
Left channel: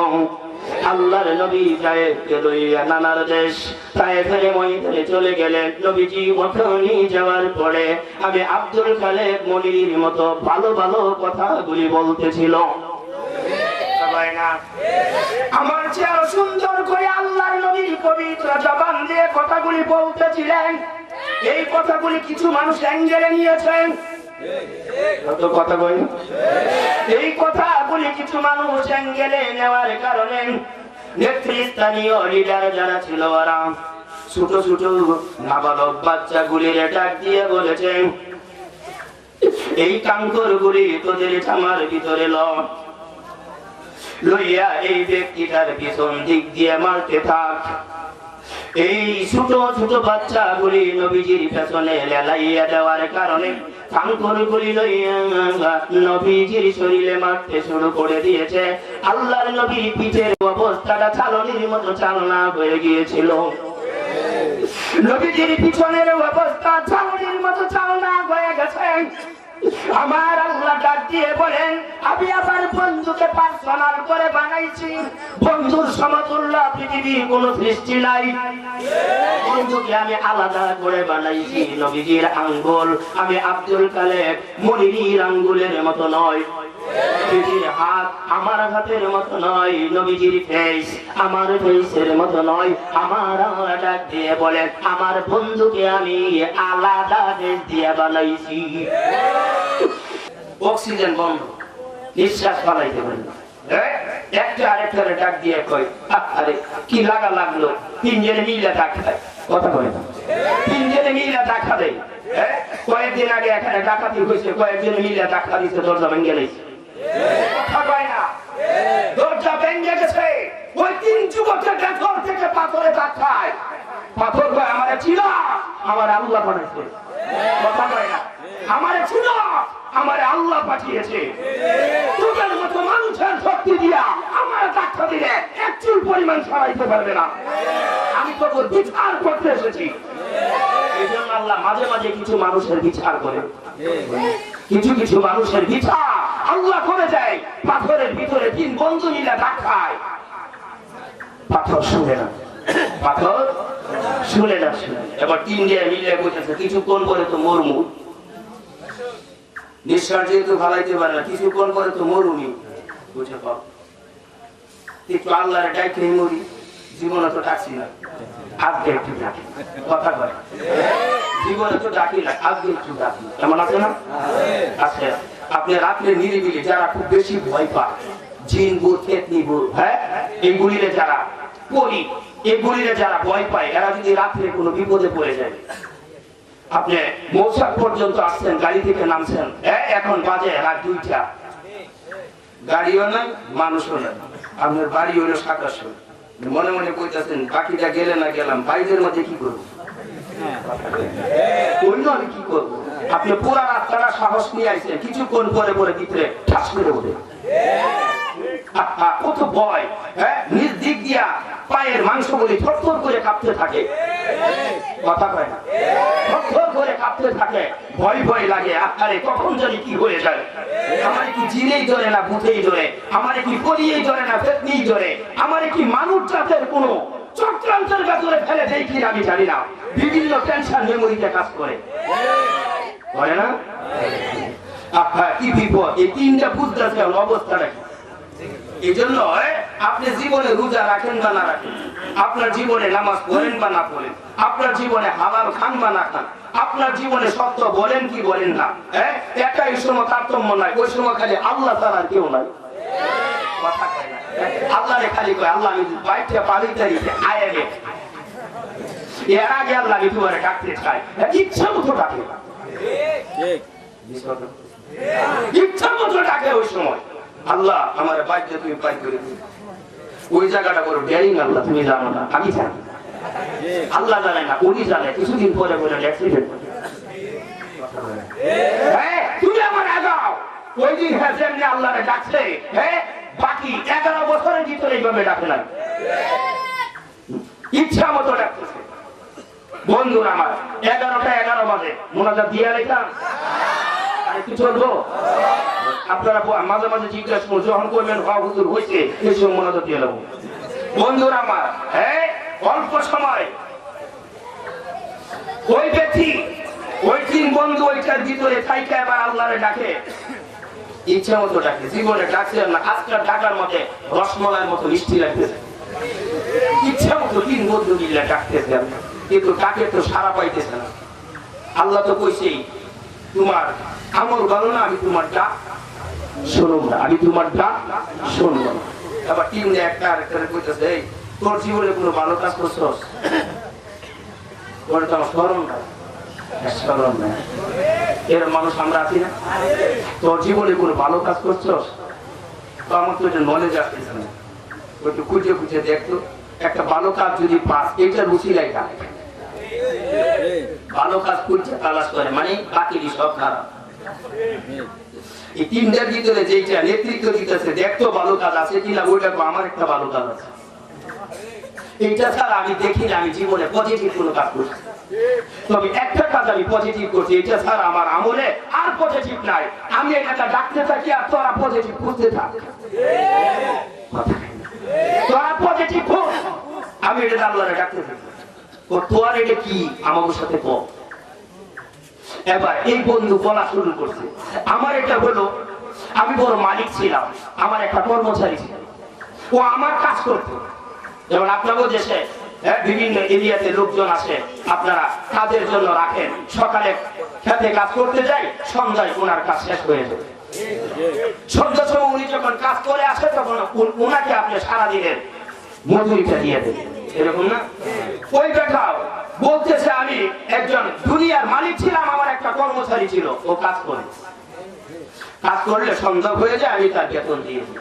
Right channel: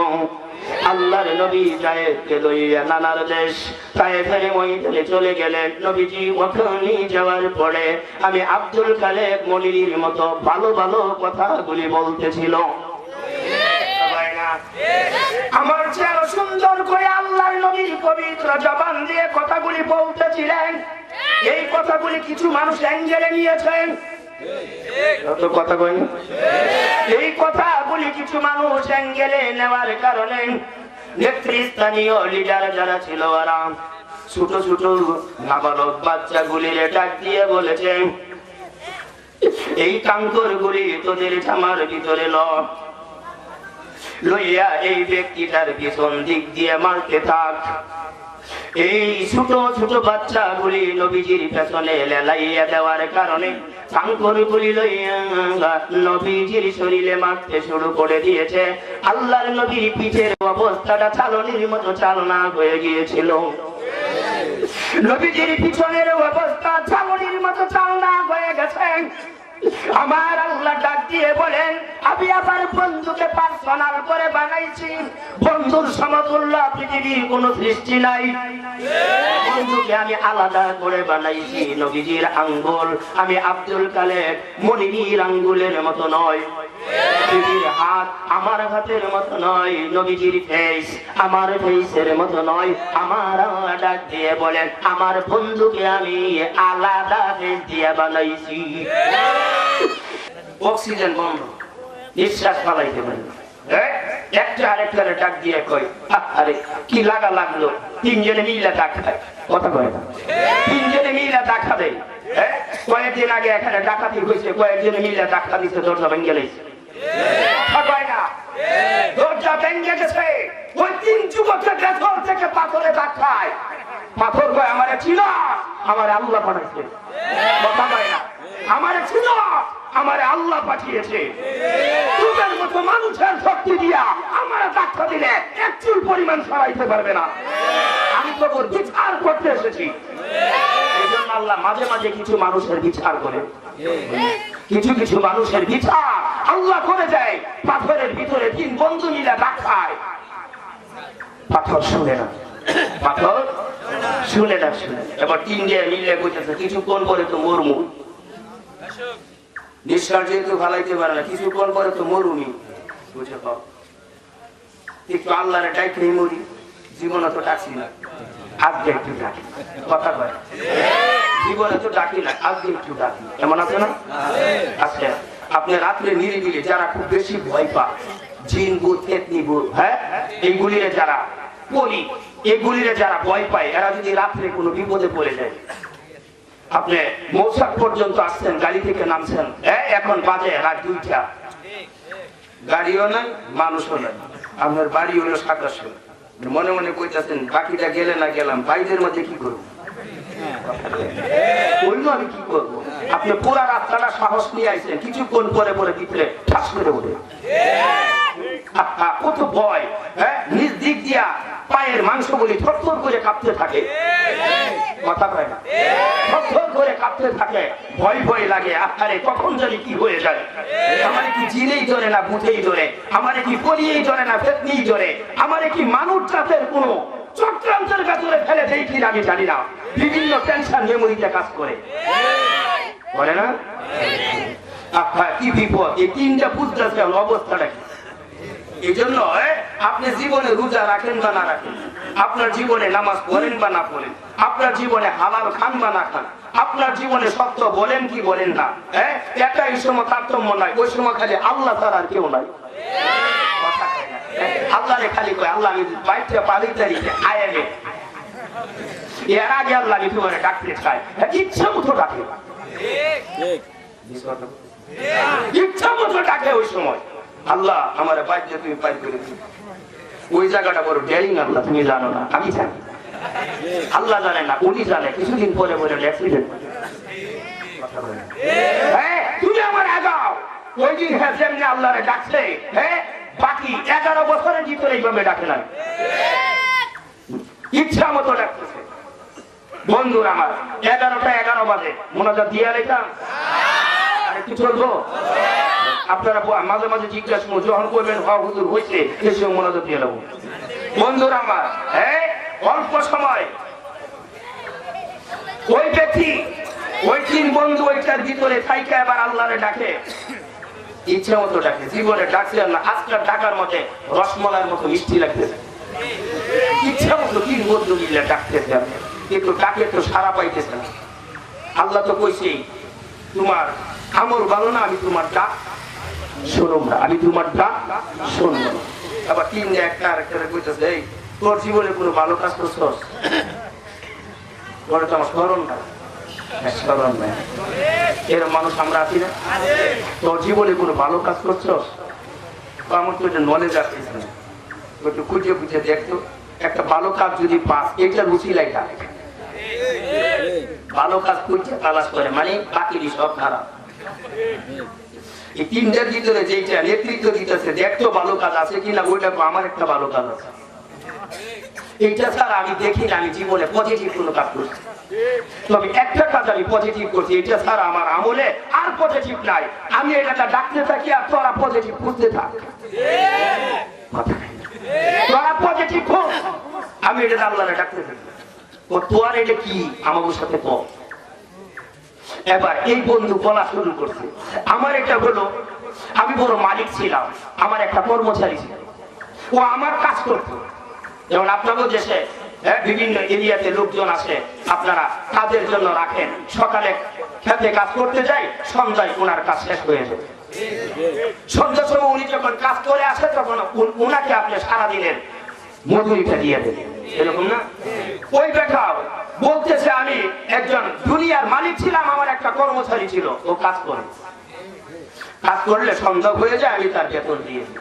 আল্লাহর নবী জায়েদকে লইয়া নানার দেশ তায়েফের ময়দানে চলে গেলেন। নবীজি ওখানে যাওয়ার পরে আমি আব্দুল খালেক মনির মতো ভালো ভালো কথাগুলি বলতেছিল। আমার চেয়ে সুন্দর করে আল্লাহর নবীর পবিত্র জবান দিয়ে কথাগুলি বলতেছিলেন। এই কথাগুলি কিছু মানুষ অ্যাঙ্গেলে নিয়েছেন, কথা বলি, এই কথাগুলি কিছু মানুষ অ্যাঙ্গেলে নেওয়ার কারণে নেতৃস্থানীয় লিডার যারা ছিল ওরা ছোট ছোট নাবালক বাচ্চাগুলির ডাক দিয়ে বলেছেন, এই কাঙ্করগুলি তোদের জামার ভিতরে লইয়া এই ব্যক্তিটার পিছন দিক দিয়ে মারতে থাক। এই ছোট ছোট বাচ্চাগুলি নবীজির পেছনে লেলাইয়া দেওয়ার কারণে কাঙ্করগুলি লইয়া নবীজির শরীরে মারতে শুরু করে দিয়েছে। আল্লাহর নবীর পিঠের অবস্থাটা চালনির মতো চালনা হয়ে গিয়েছিল। নবীজির পিছনের অবস্থা চালনির মতো চালনা হয়ে গেছে। আমার আল্লাহ ডাক দিয়ে বলেন, আমি আমার বন্ধুকে পার্সোনাল করে বানাইছি, বন্ধুর সমতুল্য পৃথিবীর কোন সৃষ্টি নাই। বন্ধুকে আমি আলাদা করে বানাইছি। নবীজির আঙ্গুল আমি আব্দুল খালেক মনির আঙ্গুলের মতো নয়, নবীজির হাত আমার হাতের মতো নয়, নবীজির ফেস আমার ফেসের মতো নয়। আমার ডাক দিয়ে বলেন, আমার বন্ধুকে আমি আলাদা দেশ দিয়ে বানাইছি। অক্সিজেন বন্ধ, নিঃশ্বাস ফেলাইতে পারে না। একটা আরেকটারে ডাক দিয়ে কই, আরে কি লাগা লাগলো, তিনজনে মিলে ডাক খায়। কথা বলে না, তিনজনে মিলে ডাক খাবে। কয়েকদিন আগে এখানে ডাকাতি হয়েছে, কয়েকজনে মিলে ডাক্তা দিচ্ছে, দরজা ভেঙে গেছে। দরজা ভেঙে গেছে, ওই তিন যুবকের ভেতর থেকে পাথরে ডাক খায়। পাথর কয়, আমার ছিল, আমার আল্লাহ বানাইছে। কথা কয় না, আমার ছিল, আমার আল্লাহ পাঠিয়েছে। তোদের মতো মানুষের শক্তি দিয়া আমার ডাক্তার দিলে এক চুল পরিমাণ সরাইতে পারবে না। আমি তো বিচার করতে এসেছি। এই জন্য আল্লাহ মাঝে মাঝে কিছু মানুষের বিচার করে, কিছু কিছু মানুষের বিচার আল্লাহ করে দেয়। পাথরের ভিতরে তিন বন্ধু মিলে ডাক খায়, পাথর শুনে না, পাথর শুনে না, শুনে। এবার তিন দিয়ে মিলে বসেছে, কিছুক্ষণ পরে তো মরমু, নিঃশ্বাস যেহেতু ফেলাইতে পারে না, কিছুক্ষণ পরে তো মরুমি। বুঝে পাও, একটু আল্লাহরে ডাইকে মরি, জীবনে তো ডাকছি না, আজকে একটু ডাকি। কথা কয়, জীবনে তো ডাকি না, আজকে একটু ডাকি। এমন আছে না? আছে। আপনি রাত্রে নিরিবিলি যারা খুব বেশি ভয় পায়, জিন ভূত পেতনি ভূত, হ্যাঁ, এইগুলিরে যারা পড়ি, এগুলিরে যারা ভয় পায়, এরা যদি রাত্রে কোনো বিপদে পড়ে যায়, আপনি মৌসাক পর্যন্ত আসছেন, গাড়ি থেকে নামছেন, এখন বাজে রাত 2টা, গাড়িও নাই, মানুষও নাই, আপনার বাড়ি হলো 27, মনে মনে কইতেছেন বাকিটা গেলে না গেলাম, বাইরের মধ্যে কি করবো, আমি কি করবো? আপনি পুরা রাস্তাটা সাহস নিয়ে আসছেন, কিছুক্ষণ পরে পরে ভিতরে ঠাস করে ওঠে, কত ভয়। নিজ দিক দিয়া পায়ের মাংসগুলি থরথর করে কাঁপতে থাকে। কথা কয় না, থরথর করে কাঁপতে থাকে, ভয় ভয় লাগে। আরে কখন জানি কি হয়ে যায়, আমার কি জিনেই ধরে না ভূতেই ধরে, আমার কি পলিয়েই ধরে না পেতনিই ধরে, আমার কি মানব জাতের কোনো চক্রান্তের ভেতরে ফেলে দেয় কি আমি জানি না। বিভিন্ন টেনশন মেমোরিতে কাজ করে না। কি বিপদ, এই তিনটা বুঝতেছে অবস্থাটা কি। এই জন্য আপনি জীবনে রোজা রাখেন বা না রাখেন, আপনার জীবনে নামাজ পড়েন বা না পড়েন, আপনার জীবনে হালাল খান বা না খান, আপনার জীবনে সত্য বলেন কি বলেন না, এটাই সময় তারতম্য নাই। ওই সময় খালি আল্লাহ ছাড়া আর কেউ নাই। আল্লাহ খালি কয় আল্লাহ আমি বাইকটা পালিতে দিতে আয় রে, এর আগে আল্লাহ আমি তোমার ডাকতে চাই, ইচ্ছা মতো ডাকে, ইচ্ছা মতো ডাকে। ওই সময় আল্লাহ আমার বাইকটা তুমি পাই করে দিবে, ওই জায়গাটা বড় ডেরিং। আল্লাহ তুমি জানো না, আমি জানি, আল্লাহ জানে না, উনি জানে। কিছুদিন পরে বলে অ্যাক্সিডেন্ট, তুমি আমার আগাও। ওই দিন যেমনি আল্লাহরে ডাকছে, বাকি 11 বছরের ভিতরে এইভাবে ডাকে না, ইচ্ছা মতো ডাকতেছে। বন্ধুরা আমার 11টা 11 বাজে মোনাজাত দিয়ে রেখলাম, আরেকটু চলবো। আপনারা মাঝে মাঝে জিজ্ঞাসা যখন করবেন হুজুর হয়েছে এই সময় মোনাজাত দিয়ে নেবো। বন্ধুরা আমার অল্প সময় ওই ব্যক্তি, ওই 3 বন্ধু ওইটার ভিতরে থাইকে আবার আল্লাহরে ডাকে, ইচ্ছা মতো ডাকে। জীবনে ডাকছে না, আজকাল ডাকার মধ্যে রসমলাইয়ের মতো মিষ্টি লাগতেছে। ইচ্ছা মতো 3 বন্ধু মিলে ডাকতেছে, কিন্তু ডাকে তো সারা পাইতেছে না। আল্লাহ তো কইছে তোমার আমল ভালো না, আমি তোমার ডাক শুনব না, আমি তোমার ডাক শুনব না। আবার 3 একটা আরেকটা কইতেছে এই তোর জীবনে কোনো ভালো কাজ করছস? ওটা তো আমার স্মরণ না, স্মরণ নাই। এরকম মানুষ আমরা আছি না? তোর জীবনে কোনো ভালো কাজ করছস? আমার তো এটা নলেজ আসতেছে না, একটু খুঁজে খুঁজে দেখতো একটা ভালো কাজ যদি পাস, এটা রুচি লাগে। ভালো কাজ করতে তালাশ করে মানে বাকি সব খারাপ। এই 3টার ভিতরে যেটা নেতৃত্ব দিতেছে, দেখতো ভালো কাজ আছে কিনা, ওইটা আমার একটা ভালো কাজ আছে। এইটা ছাড়া আমি দেখি না আমি জীবনে পজিটিভ কোনো কাজ করছি। তবে একটা কাজ আমি পজিটিভ করছি, এটা ছাড়া আমার আমলে আর পজিটিভ নাই। আমি এটা ডাকতে থাকি আর তোরা পজিটিভ করতে থাক, তোরা পজিটিভ হোক। আমি এটা আল্লাহরে ডাকতে থাকি, তোর এটা কি আমার সাথে কর। এবার এই বন্ধু বলা শুরু করছে, আমার এটা হলো আমি বড় মালিক ছিলাম, আমার একটা কর্মচারী ছিল, ও আমার কাজ করতো। যেমন আপনাদের দেশে বিভিন্ন এরিয়াতে লোকজন আসে, আপনারা কাজের জন্য রাখেন, সকালে খেতে কাজ করতে যাই, সন্ধ্যায় ওনার কাজ শেষ হয়ে যায়। সন্ধ্যার সময় উনি যখন কাজ করে আসে তখন ওনাকে আপনি সারাদিনের মজুরিটা দিয়ে দেন, এরকম না? ওই বেটাও বলতেছে আমি একজন দুনিয়ার মালিক ছিলাম, আমার একটা কর্মচারী ছিল, ও কাজ করে, কাজ করলে সন্ধ্যা হয়ে যায়, আমি তার বেতন দিয়ে দিই।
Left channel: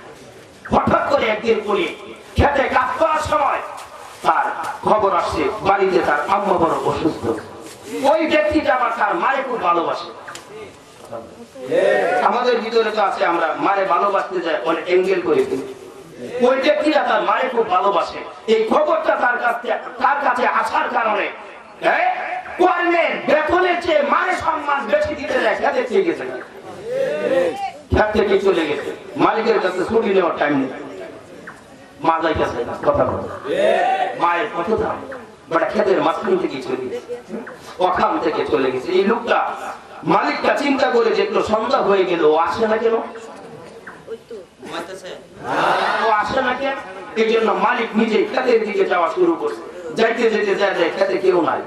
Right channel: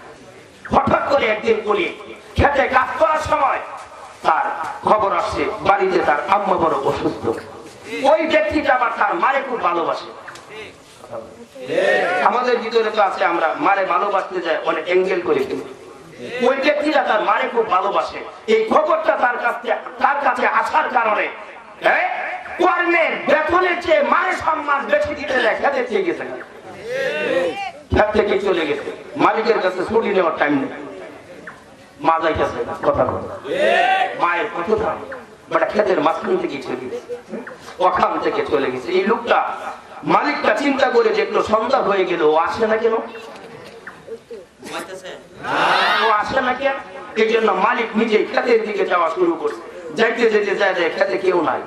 হঠাৎ করে একদিন করি খেতে কাজ করার সময় তার খবর আসছে বাড়িতে তার আম্মা বড় অসুস্থ। ওই ব্যক্তিটা আবার তার মারে খুব ভালোবাসে। আমাদের ভিতরে তো আছে আমরা মারে ভালোবাসতে যাই অনেক এঙ্গেল করে দিই। ওই ব্যক্তিটা তার মারে খুব ভালোবাসে। এই খবরটা তার কাছে আসার কারণে কর্মের বেতনের চেয়ে মায়ের সম্মান বেশি দিতে যায়, খেতে চেয়ে গেছে না, খেত থেকে চলে গেছে, মালিকের কাছে ছুটি নেওয়ার টাইম নেই। মা যাইতেছে কথা কথা, মায়ের কত দাম, বাটা খেতের মাঝখান থেকে চলে গেছে, ওখান থেকে চলে গেছে। এই লোকটা মালিকটা চিন্তা করে দেখলো সন্ধ্যা হয়ে গেল, ও আসে না কেন, ও আসে না কেন? এই জন্য মালিক নিজে খেতের দিকে যাওয়া শুরু করছে। যাইতে যেতে যায় খেতে কেউ নাই,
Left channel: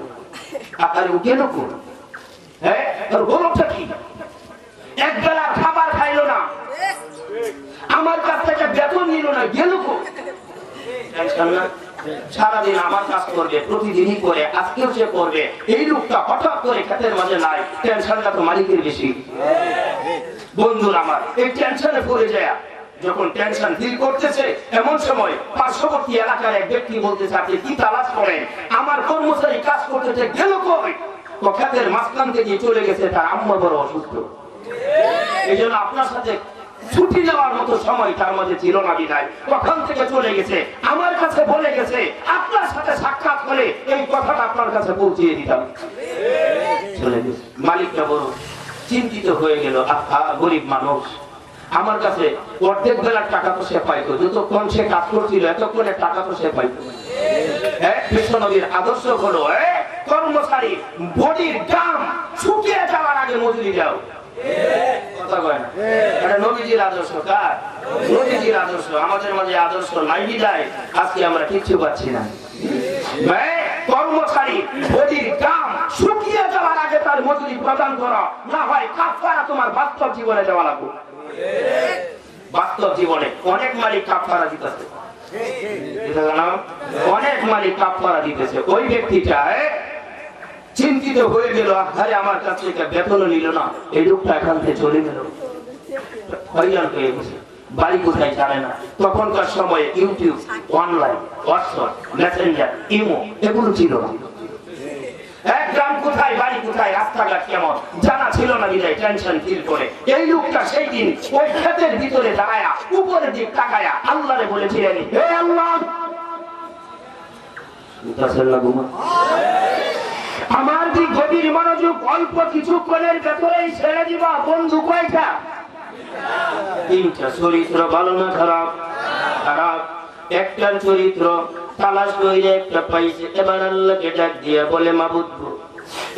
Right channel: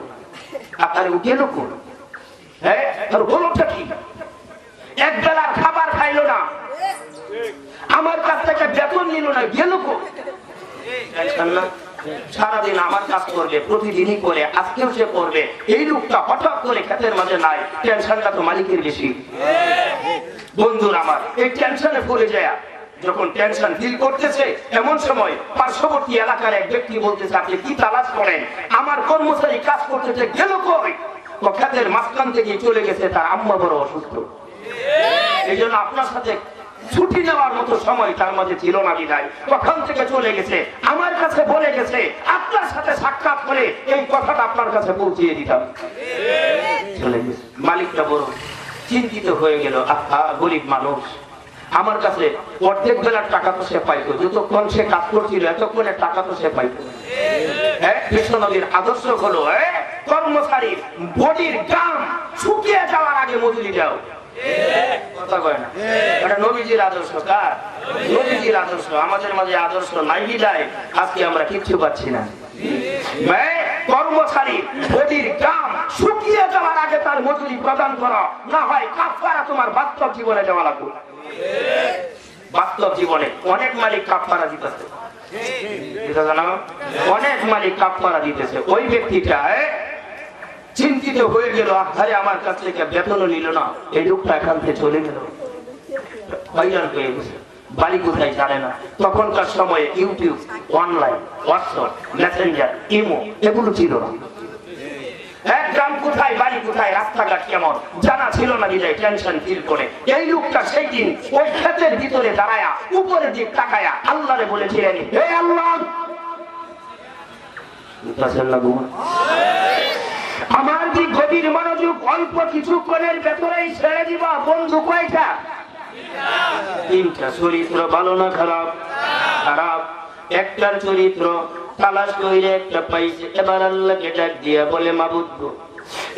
আপনার গেল কোন? হ্যাঁ, গরমটা কি? এক বেলা খাবার খাইলো না, আমার কাছ থেকে বেতন নিল না, গেল কোন? সারাদিন আমার কাজ করবে, প্রতিদিনই করে, আজকেও সে করবে। এই লোকটা হঠাৎ করে খেতের মাঝে নাই, টেনশনটা তো মালিকের বেশি। বন্ধুরা আমার, এই টেনশনে পড়ে যায়, যখন টেনশন ফিল করতেছে এমন সময় পার্শ্ববর্তী এলাকার এক ব্যক্তি বলতেছে আপনি কি তালাশ করেন? আমার কর্মচারী কাজ করতেছে, গেল কই? ও খেতের মাঝখান থেকে চলে গেছে, তার আম্মা বড় অসুস্থ। এই জন্য আপনার সাথে ছুটি নেওয়ার মতো সময় তার মধ্যে ছিল না, বিদায় ওখান থেকে চলে গেছে, আমার কাছে বলে গেছে আপনার সাথে সাক্ষাৎ করে এই কথাটা আপনার কাছে পৌঁছিয়ে দিতাম। চলে গেছে। মালিকটা বড় চিন্তিত হয়ে গেল, গরিব মানুষ, আমার কাছে অর্ধেক বেলার টাকা তো সে পাইতো, যতক্ষণ সে কাজ করছিল এতক্ষণের টাকা তো সে পাইতো। বিশ্বনবীর আদর্শ হলো কর্মচারী বডির দাম শুকিয়ে যাওয়ার আগে মজুরি দাও। কথা কয় না, নবীজির আদর্শ কার? নবীজির আদর্শ আমাদের মাঝে আদর্শ নাই বিদায় আজকে আমরা কিচ্ছু পাচ্ছি না। কর্মচারী বডির কাম শুকিয়ে যাওয়ার আগে তার মজুরি প্রদান করা, না হয় কাফারা তোমার বাস্তব জীবনে দেওয়া লাগবে। বাস্তব জীবনে অনেক মালিক কাফারা দিতেছে, অনেক মালিক কাফারা দিতেছে। ওই ব্যক্তিটা চিন্তিত হয়ে গেল, আরে আমার কাছ থেকে বেতনও নিল না, এই লোকটা এখান থেকে চলে গেল, হয়রান হয়ে গেছে, বাড়ি কোথায় জানে না। তখনকার সময়ে YouTube, online, WhatsApp, Messenger, imo এগুলো ছিল না। এক গ্রাম কোথায়, বাড়ি কোথায়, রাস্তাঘাট কেমন জানা ছিল না, বিদায় টেনশন ফিল করে এই লোকটা সেই দিন ওই ক্ষেতের ভিতরে দাঁড়ায়া উপরের দিক তাকায়া আল্লাহরে বলেছিলেন, হে আল্লাহ, আমার দিক গভীর মনোযোগ, অল্প কিছুক্ষণের ভেতরেই ছেড়ে দিব। বন্ধু কয়টা? তিনটা। চরিত্র ভালো না খারাপ? খারাপ। একটার চরিত্র তালাশ করে একটা পাইছে, এবার আল্লাহকে ডাক দিয়া বলে, মাবুদ গো,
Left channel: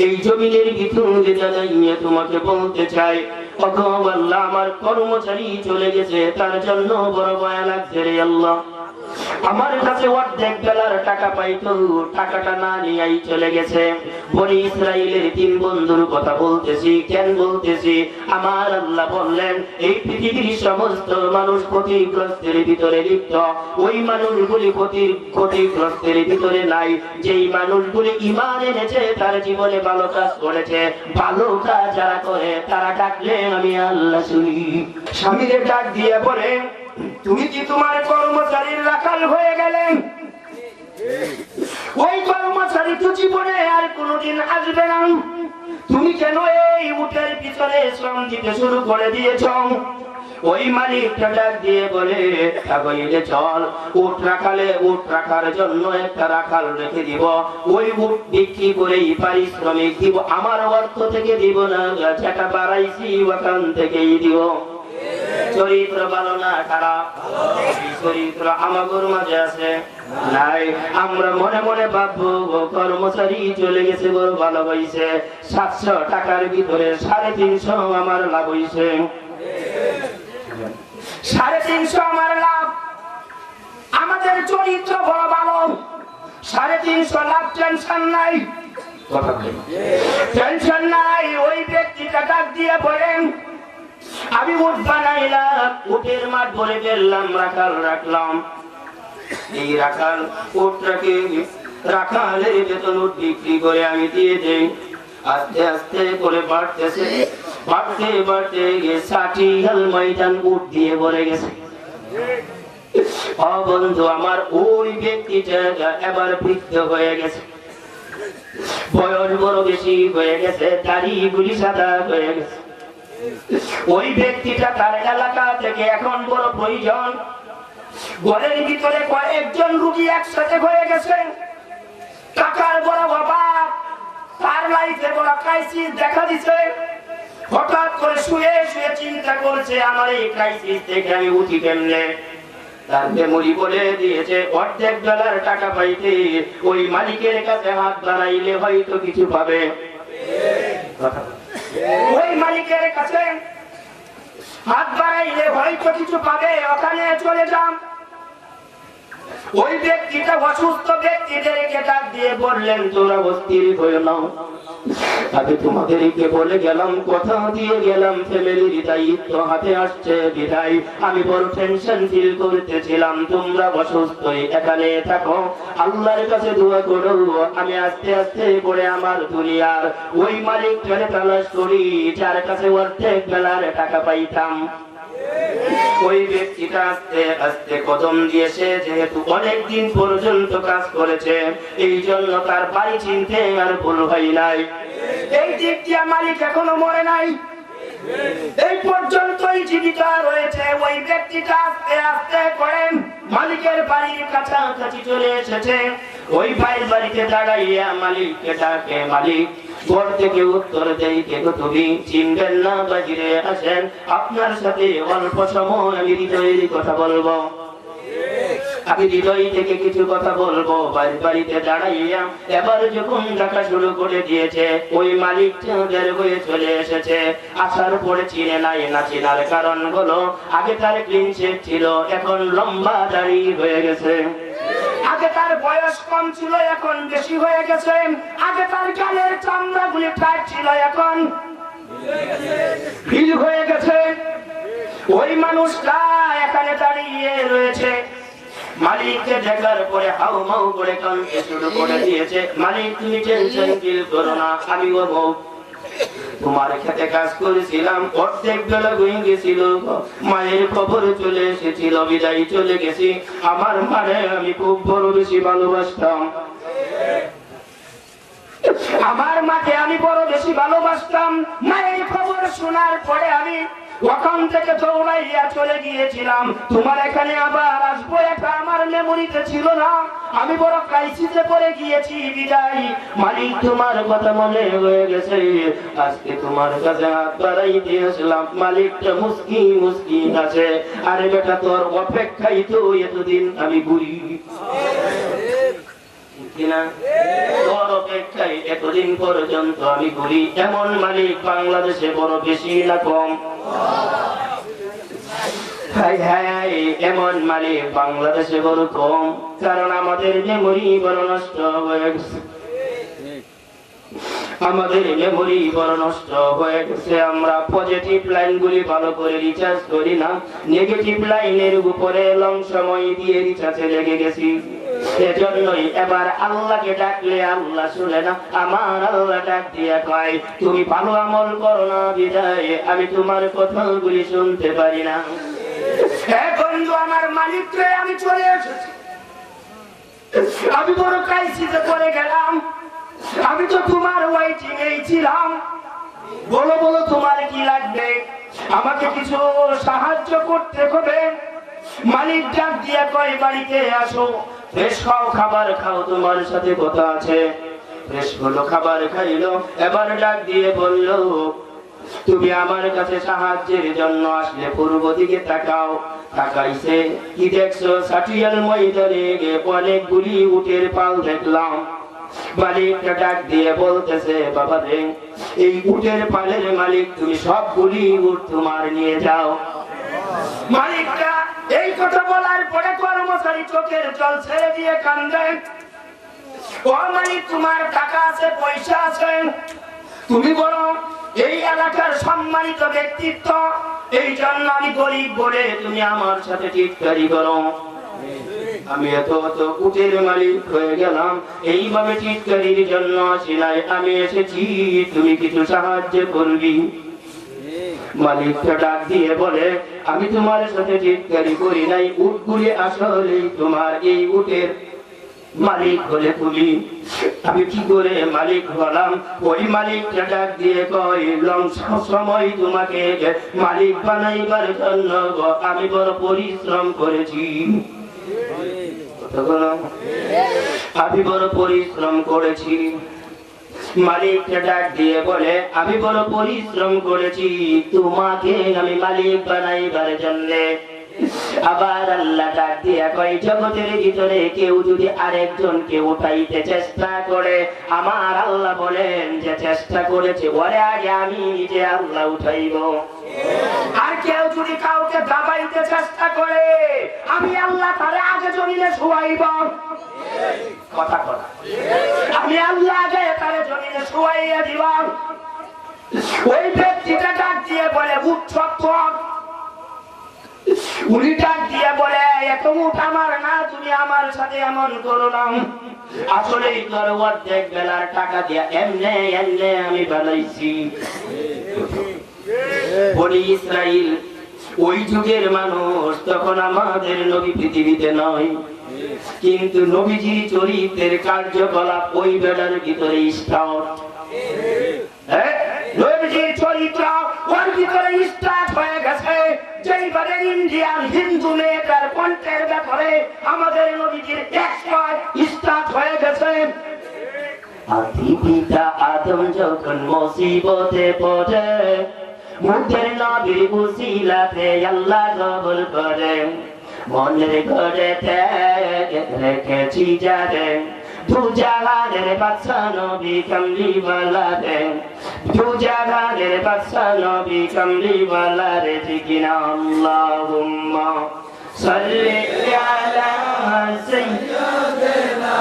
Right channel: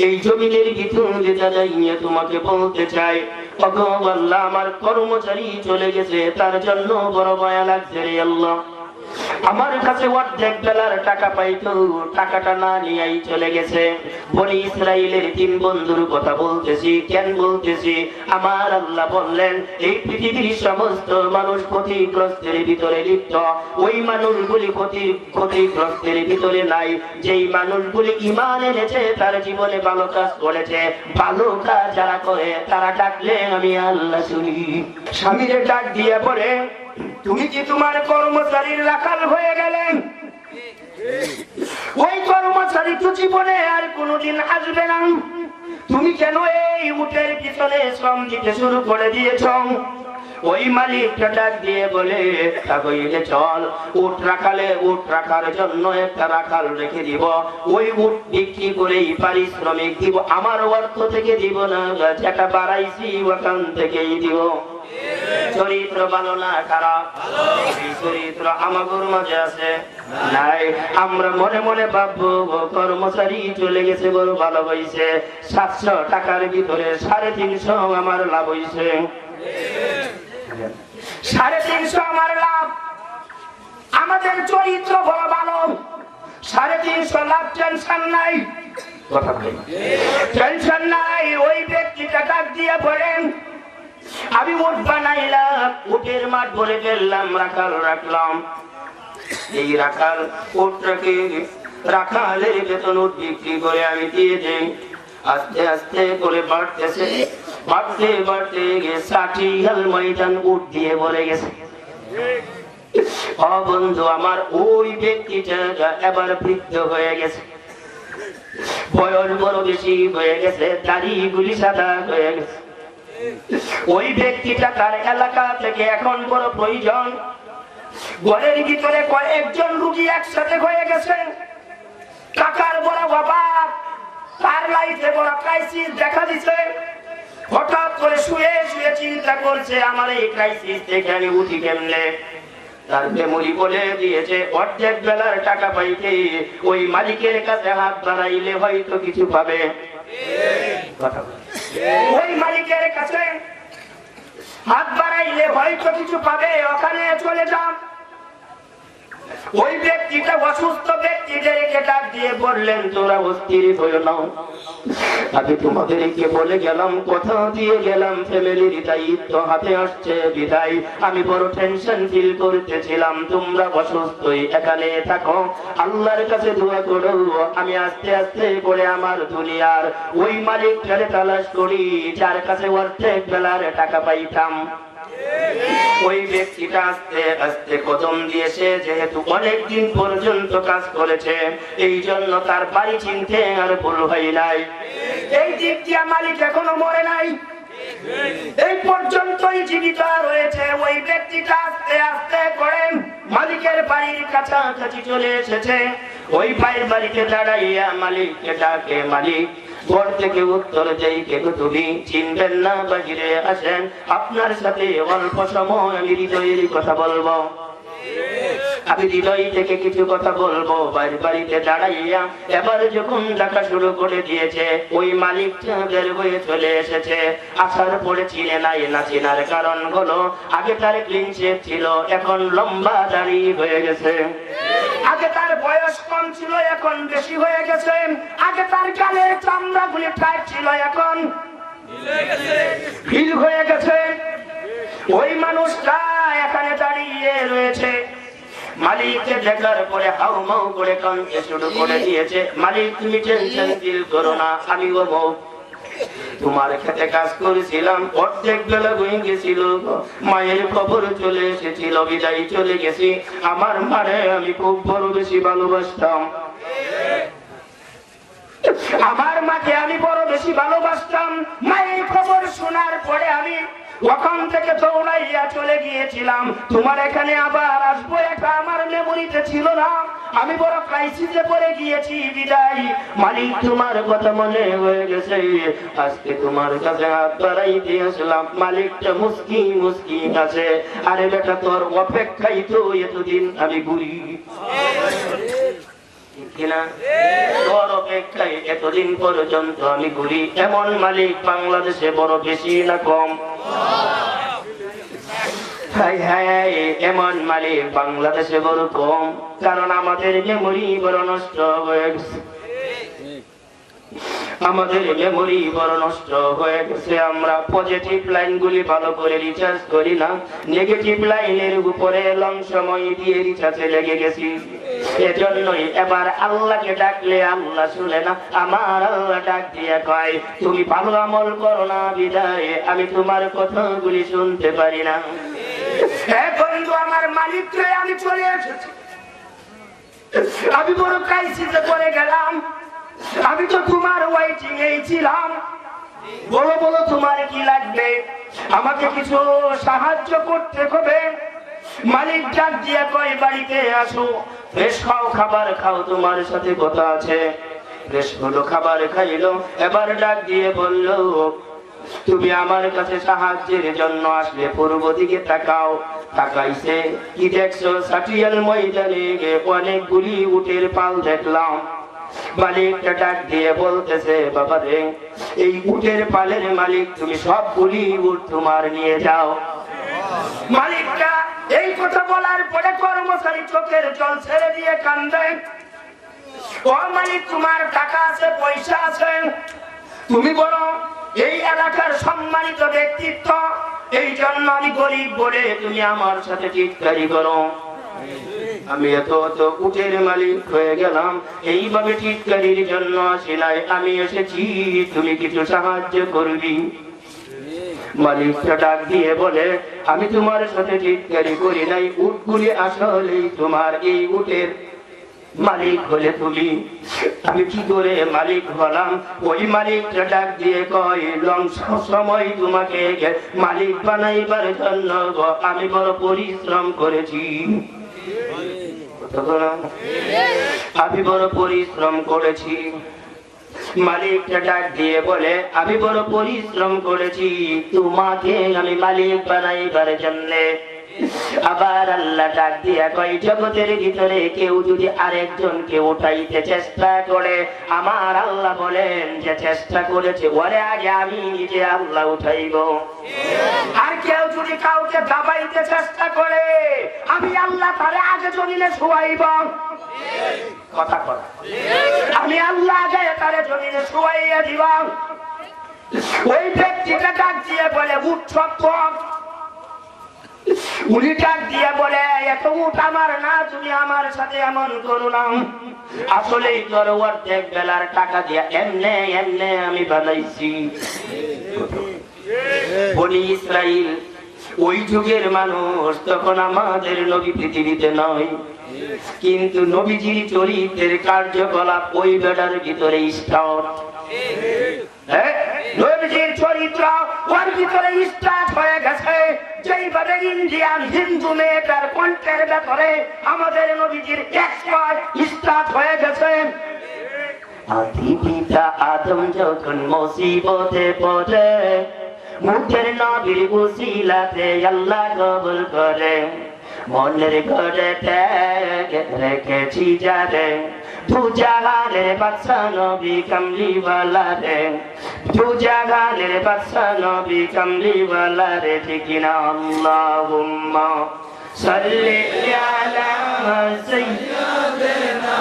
এই জমিনের ভিতরে দাঁড়াইয়া তোমাকে বলতে চাই, ওগো আল্লাহ, আমার কর্মচারী চলে গেছে, তার জন্য বড় মায়া লাগছে রে আল্লাহ। আমার কাছে অর্ধেক বেলার টাকা পাইতো, টাকাটা না নিয়েই চলে গেছে। বনি ইসরাইলের 3 বন্ধুর কথা বলতেছি। কেন বলতেছি? আমার আল্লাহ বললেন, এই পৃথিবীর সমস্ত মানুষ ক্ষতিগ্রস্তের ভিতরে লিপ্ত, ওই মানুষগুলি ক্ষতিগ্রস্তের ভিতরে নাই। যেই মানুষগুলি ঈমান এনেছে, তার জীবনে ভালো কাজ করেছে, ভালো কাজ যারা করে তারা ডাকলে আমি আল্লাহ শুনি। স্বামীরে ডাক দিয়ে বলে, তুমি কি তোমার কর্মচারীর রাখাল হয়ে গেলেন? ওই কর্মচারী তো জীবনে আর কোনোদিন আসবে না, তুমি কেন এই উটের পিছনে শ্রম দিতে শুরু করে দিয়েছ? ওই মালিকটা ডাক দিয়ে বলে, চল, উট রাখার জন্য একটা রাখাল রেখে দিব, ওই উট বিক্রি করেই পারিশ্রমিক দিব, আমার অর্থ থেকে দিব না, যেটা বাড়াইছি ওখান থেকেই দিব। চরিত্র ভালো না খারাপ? চরিত্র আমাদের মাঝে আছে নাই? আমরা মনে মনে ভাববো, কর্মচারী চলে গেছে, বড় ভালো হয়েছে, 700 টাকার ভিতরে 350 আমার লাভ হয়েছে, 350 আমার লাভ। আমাদের চরিত্র বড় ভালো, 350 লাভ, টেনশন নাই, টেনশন নাই। ওই ব্যক্তিটা ডাক দিয়ে বলেন, আমি উট বানাইলাম, উটের মাঠ বলে ফেললাম, রাখাল রাখলাম, এই রাখাল উটটাকে রাখালের বেতন উট বিক্রি করে আমি দিয়ে দেই। আস্তে আস্তে করে বাড়তেছে, বাড়তে বাড়তে 60 হাল ময়দান উট দিয়ে ভরে গেছে। বন্ধু আমার, ওই ব্যক্তিটা এবার বৃদ্ধ হয়ে গেছে, বয়স বড় বেশি হয়ে গেছে, দাড়িগুলি সাদা হয়ে গেছে। ওই ব্যক্তিটা তার এলাকা থেকে এখন বড় প্রয়োজন, ঘরের ভিতরে কয়েকজন রোগী একসাথে হয়ে গেছে, টাকার বড় অভাব, তার লাইফে বড় ক্রাইসিস দেখা দিছে। হঠাৎ করে শুয়ে শুয়ে চিন্তা করছে, আমার এই ক্রাইসিস থেকে আমি উঠি কেমনে? তার মেমোরি বলে দিয়েছে, অর্ধেক বেলার টাকা পাইতে ওই মালিকের কাছে হাত বাড়াইলে হয়তো কিছু পাবে। ওই মালিকের কাছে হাত বাড়াইলে হয়তো কিছু পাবে, ওখানে চলে যান। ওই ব্যক্তিটা অসুস্থ ব্যক্তিদেরকে ডাক দিয়ে বললেন, তোমরা অস্থির হয়ে নাও, আমি তোমাদেরকে বলে গেলাম, কথা দিয়ে গেলাম, ফ্যামিলির দায়িত্ব হাতে আসছে বিদায় আমি বড় টেনশন ফিল করতেছিলাম, তোমরা অসুস্থ এখানে থাকো, আল্লাহর কাছে দোয়া করো, আমি আস্তে আস্তে করে আমার দুনিয়ার ওই মালিকটারে তালাশ করি, যার কাছে অর্ধেক বেলার টাকা পাইতাম। ওই ব্যক্তিটা আস্তে আস্তে কদম দিয়েছে, যেহেতু অনেকদিন পর্যন্ত কাজ করেছে, এই জন্য তার বাড়ি চিনতে আর ভুল হয় নাই। এই দিক দিয়ে মালিক এখনো মরে নাই, এই পর্যন্তই জীবিত রয়েছে। ওই ব্যক্তিটা আস্তে আস্তে করে মালিকের বাড়ির কাছাকাছি চলে এসেছে। ওই ভাইয়ের বাড়িতে দাঁড়াইয়া মালিককে ডাকে, মালিক ঘর থেকে উত্তর দেই, কেন তুমি চিনবেন না, বাহিরে আসেন, আপনার সাথে অল্প সময় আমি হৃদয়ের কথা বলবো। আমি হৃদয় থেকে কিছু কথা বলবো। বাড়িতে দাঁড়াইয়া এবার যখন ডাকা শুরু করে দিয়েছে, ওই মালিকটা বের হয়ে চলে এসেছে। আসার পরে চিনে নাই, না চিনার কারণ হলো আগে তার ক্লিন শেভ ছিল, এখন লম্বা দাড়ি হয়ে গেছে। আগে তার বয়স কম ছিল, এখন বেশি হয়ে গেছে। আগে তার গালের চামড়াগুলি টাইট ছিল, এখন ঢিল হয়ে গেছে। ওই মানুষটা এখানে দাঁড়িয়ে রয়েছে। মালিককে দেখার পরে হাউ মাউ করে কানতে শুরু করে দিয়েছে। মালিক, তুমি টেনশন ফিল করো না, আমি বলবো তোমার খেতে কাজ করেছিলাম, অর্ধেক বেলা হয়ে গেছিল, মায়ের খবর চলে এসেছিল, বিদায় চলে গেছি। আমার মারে আমি খুব বড় বেশি ভালোবাসতাম, আমার মাকে আমি বড় বেশি ভালোবাসতাম। মায়ের খবর শোনার পরে আমি ওখান থেকে দৌড়াইয়া চলে গিয়েছিলাম। তোমার এখানে আবার আসবো এটা আমার মেমোরিতে ছিল না, আমি বড় ক্রাইসিসে পড়ে গিয়েছি, বিদায়। মালিক, তোমার কথা মনে হয়ে গেছে, আজকে তোমার কাছে হাত বাড়াইতে আসলাম। মালিকটা মুস্কি মুস্কি আছে, আরে বেটা তোর অপেক্ষাই তো এতদিন আমি ঘুরি তোর অপেক্ষায় এতদিন পর্যন্ত আমি ঘুরি। এমন মালিক বাংলাদেশে বড় বেশি না কম? এমন মালিক বাংলাদেশে বড় কম, কারণ আমাদের মেমোরি বড় নষ্ট হয়ে গেছে। আমাদের মেমোরি বড় নষ্ট হয়ে গেছে। আমরা পজিটিভ লাইন গুলি ভালো করে রিচার্জ করি না, নেগেটিভ লাইনের উপরে লং সময় দিয়ে রিচার্জে লেগে গেছি। এজন্যই এবার আল্লাহকে ডাকলে আল্লাহ শুনে না। আমার আল্লাহ ডাক দিয়ে কয়, তুমি ভালো আমল করো না বিদায় আমি তোমার কথাগুলি শুনতে পারি না। বন্ধু, আমার মালিককে আমি চলে এসেছি, আমি বড় ক্রাইসিসে পড়ে গেলাম। আমি তো তোমার ওয়েটিং এই ছিলাম, বলো বলো তোমার কি লাগবে, আমাকে কিছু সাহায্য করতে হবে। মালিক ডাক দিয়ে কয়, বাড়িতে আসো, ফ্রেশ খাও, খাবার খাও, তোমার সাথে কথা আছে। ফ্রেশ হলো, খাবার খাইলো। এবার ডাক দিয়ে বলল, তুমি আমার কাছে সাহায্যের জন্য আসলে পূর্ব দিকে তাকাও। তাকাইছে, কি দেখছো? সাটিয়াল ময়দানে অনেকগুলি উটের পাল দেখলাম। মালিকটা ডাক দিয়ে বলতেছে, বাবা রে, এই উটের পালের মালিক তুমি, সবগুলি উট তোমার নিয়ে যাও। মালিকটা এই কথা বলার পরে কর্মচারী চোখের জল ছেড়ে দিয়ে কান্দে। ও মালিক, তোমার টাকা আছে, পয়সা আছে, তুমি বড় এই এলাকার সম্মানিত ব্যক্তিত্ব, এই জন্য আমি গরিব বলে তুমি আমার সাথে টিটকারি করো। আমি এত উটের মালিক হয়ে গেলাম, এইভাবে টিটকারির জন্য আসি নাই, আমি এসেছি তুমি কিছু সাহায্য করবি। মালিকটা ডাক দিয়ে বলে, আমি তোমার সাথে টিটকারি করি নাই, উটগুলি আসলে তোমার, এই উটের মালিক হলে তুমি। আমি কি করে মালিক হলাম? ওই মালিকটা ডাক দিয়ে কয়, সময় তোমাকে মালিক বানাইবার জন্য আমি বড় পরিশ্রম করেছি, আমি বড় পরিশ্রম করেছি। মালিকটা ডাক দিয়ে বলে, আমি বড় পরিশ্রম করেছি তোমাকে আমি মালিক বানাইবার জন্য। আবার আল্লাহ ডাক দিয়ে কয়, জগতের ভিতরে কেউ যদি আরেকজনকে উঠাইতে চেষ্টা করে, আমার আল্লাহ বলেন যে চেষ্টা করেছে ওরে আগে আমি নিজে আল্লাহ উঠাইব। আর কেউ যদি কাউকে দাবাইতে চেষ্টা করে, আমি আল্লাহ তারে আগে জমিনে শুয়াইব। কথা কথা, আমি আল্লাহ আগে তারে জমিনে শুয়াইয়া দিব। ওই ব্যক্তিটা ডাক দিয়ে বলে, উঠ সত্তর। উনি ডাক দিয়ে বলে, এত উঠ আমার না, তুমি আমার সাথে এমন করো না। আসলে তোর অর্ধেক বেলার টাকা দিয়ে এমনে এমনে আমি বানাইছি। বনি ইসরাইল ওই যুগের মানুষ, তখন আমাদের নবী পৃথিবীতে নয়, কিন্তু নবীজির চরিত্রের কার্যকলাপ ওই বেলার ভিতরে স্টার্ট। নবীজির চরিত্র ওর ভিতরে স্টার্ট হয়ে গেছে। যেইভাবে ইন্ডিয়ান হিন্দু মেয়েটার কণ্ঠের ব্যাপারে আমাদের নবীজির এক্সপার্ট স্টার্ট হয়ে গেছে। আদি পিতা আদম যখন মুসিবতে পড়ে, মুখের নবীর উসিলাতে আল্লাহ কবুল করে। মনের ঘরেতে রেখেছি যারে দুজাহানের বাদশা নবী কামলিওয়ালা রে দুজাহানের বাদশা নবী কামলিওয়ালা রে ঠিক না আল্লাহুম্মা সাল্লি আলা সাইয়্যিদিনা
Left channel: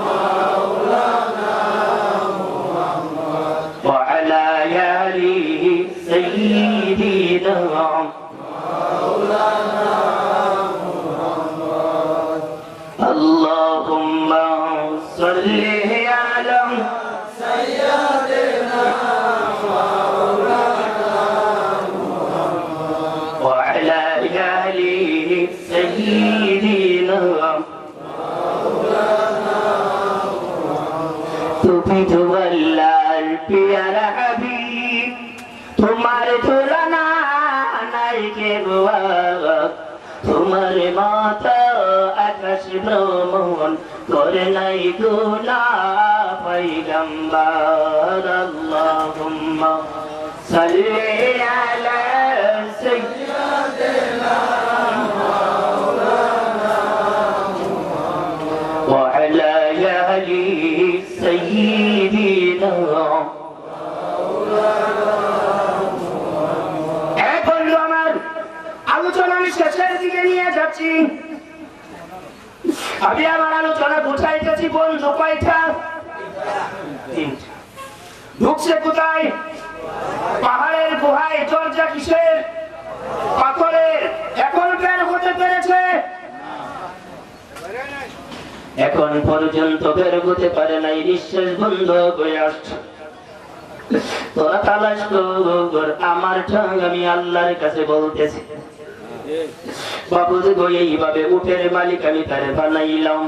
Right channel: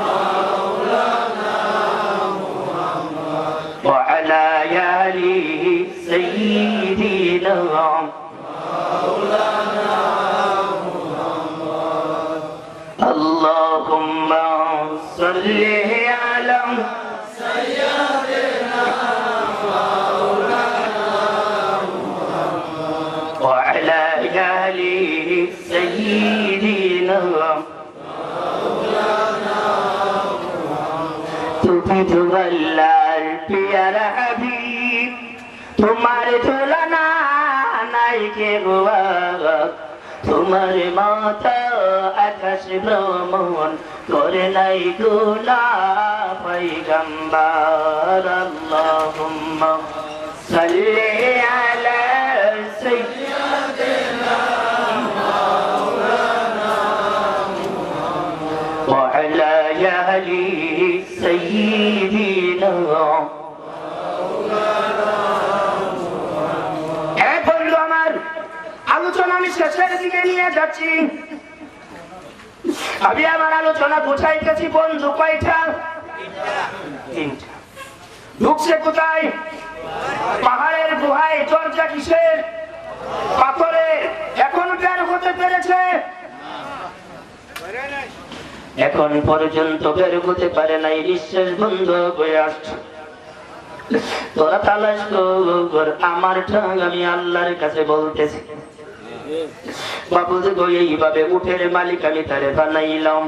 মাওলানা মুহাম্মদ ওয়া আলা আলিহি সাইয়্যিদিনা মাওলানা মুহাম্মদ আল্লাহুম্মা সাল্লি আলা সাইয়্যিদিনা মাওলানা মুহাম্মদ ওয়া আলা আলিহি সাইয়্যিদিনা মাওলানা মুহাম্মদ তুমি তো আল্লাহর প্যারা হাবিব তোমার তুলনা নাই কে গো তোমার মাতা আকাশ ভ্রমণ করে নাই গুনা পয়গম্বর আল্লাহুম্মা সাল্লি আলা সাইয়্যিদিনা মাওলানা মুহাম্মদ ওয়া আলা আলিহি সাইয়্যিদিনা শেষের দিকে নিয়ে যাচ্ছি আমি আমার আলোচনা বুঝাইতেছি বন্ধু কয়টা ঢুকছে কোথায় পাহাড়ের গুহায় দরজা কিসের পাথরের এখন বের হতে পেরেছে এখন পর্যন্ত বের হতে পারে নাই নিঃশ্বাস বন্ধ হয়ে আসছে তোরা তালাশ কর আমার ঠং আমি আল্লাহর কাছে বলতেছি বাবুজি গো এইভাবে উঠের মালিক আমি তারে বানাইলাম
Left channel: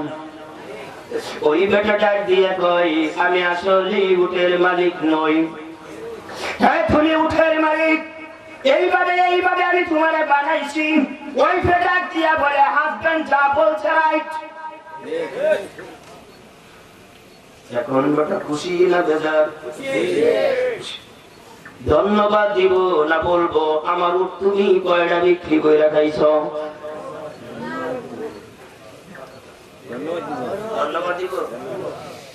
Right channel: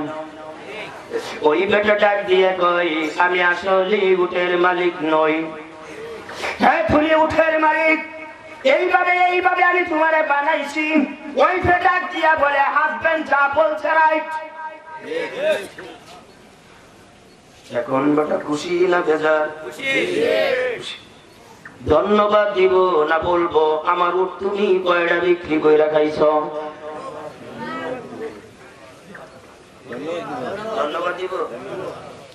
ওই বেটা ডাক দিয়ে কই আমি আসলে উঠের মালিক নই হ্যাঁ তুমি উঠের মালিক এইভাবে আমি তোমারে বানাইছি ওই বেটা ডাক দিয়া বলে হাজবেন্ড যা বলছে রাইট এখন বেটা খুশি না বেজার ধন্যবাদ দিব না বলবো আমার উঠ তুমি কয়টা বিক্রি করে খাইছ ধন্যবাদ দিব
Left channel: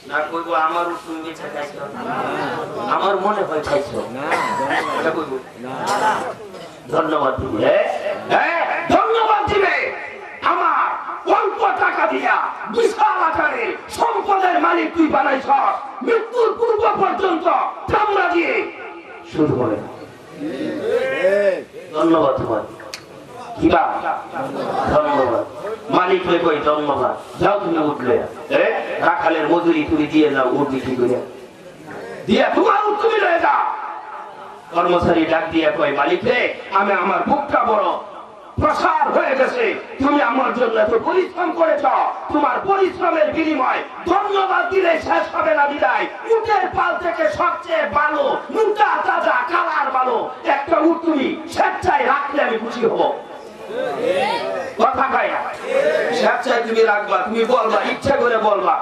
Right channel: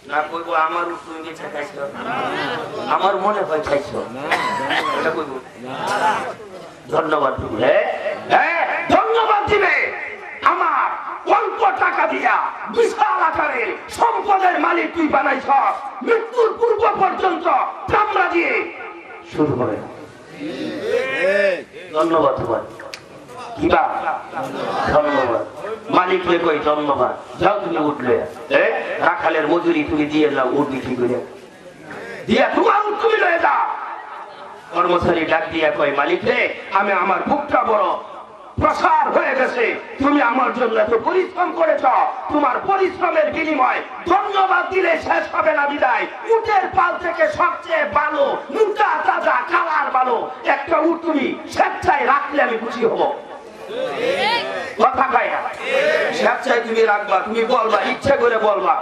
না কইবো আমার উঠ তুমি বেচা খাইছ আমার মনে হয় খাইছ ধন্যবাদ দিব ধন্যবাদ দিবে আমার অল্প টাকা দিয়া বিশাল আকারে সম্পদের মালিক তুই বানাইছ মৃত্যুর পূর্ব পর্যন্ত চামড়া দিয়ে শুরু করে ধন্যবাদ তোমার কিবা ধন্যবাদ মালিক হয়ে কই ধন্যবাদ যাও তুমি উঠলে রাখালের মজুরি তুমি দিয়ে নাও উঠ বিক্রি করে দিয়া তোমার তুমি লয়ে যা কর্মচারী ডাক দিয়া কই মালিক রে আমি আমার বুকটা বড় প্রসার হয়ে গেছে তুমি আমার জন্য এত পরিশ্রম করেছ তোমার পরিশ্রমের বিনিময় ধন্যবাদ দিলে শেষ হবে না বিদায় উটের পাল থেকে সবচেয়ে ভালো মোটা তাজা কালার ভালো একটা উট তুমি স্বেচ্ছায় রাখলে আমি খুশি হব কথা গায়া স্বেচ্ছায় তুমি রাখবা তুমি বলবা ইচ্ছা করে বলবা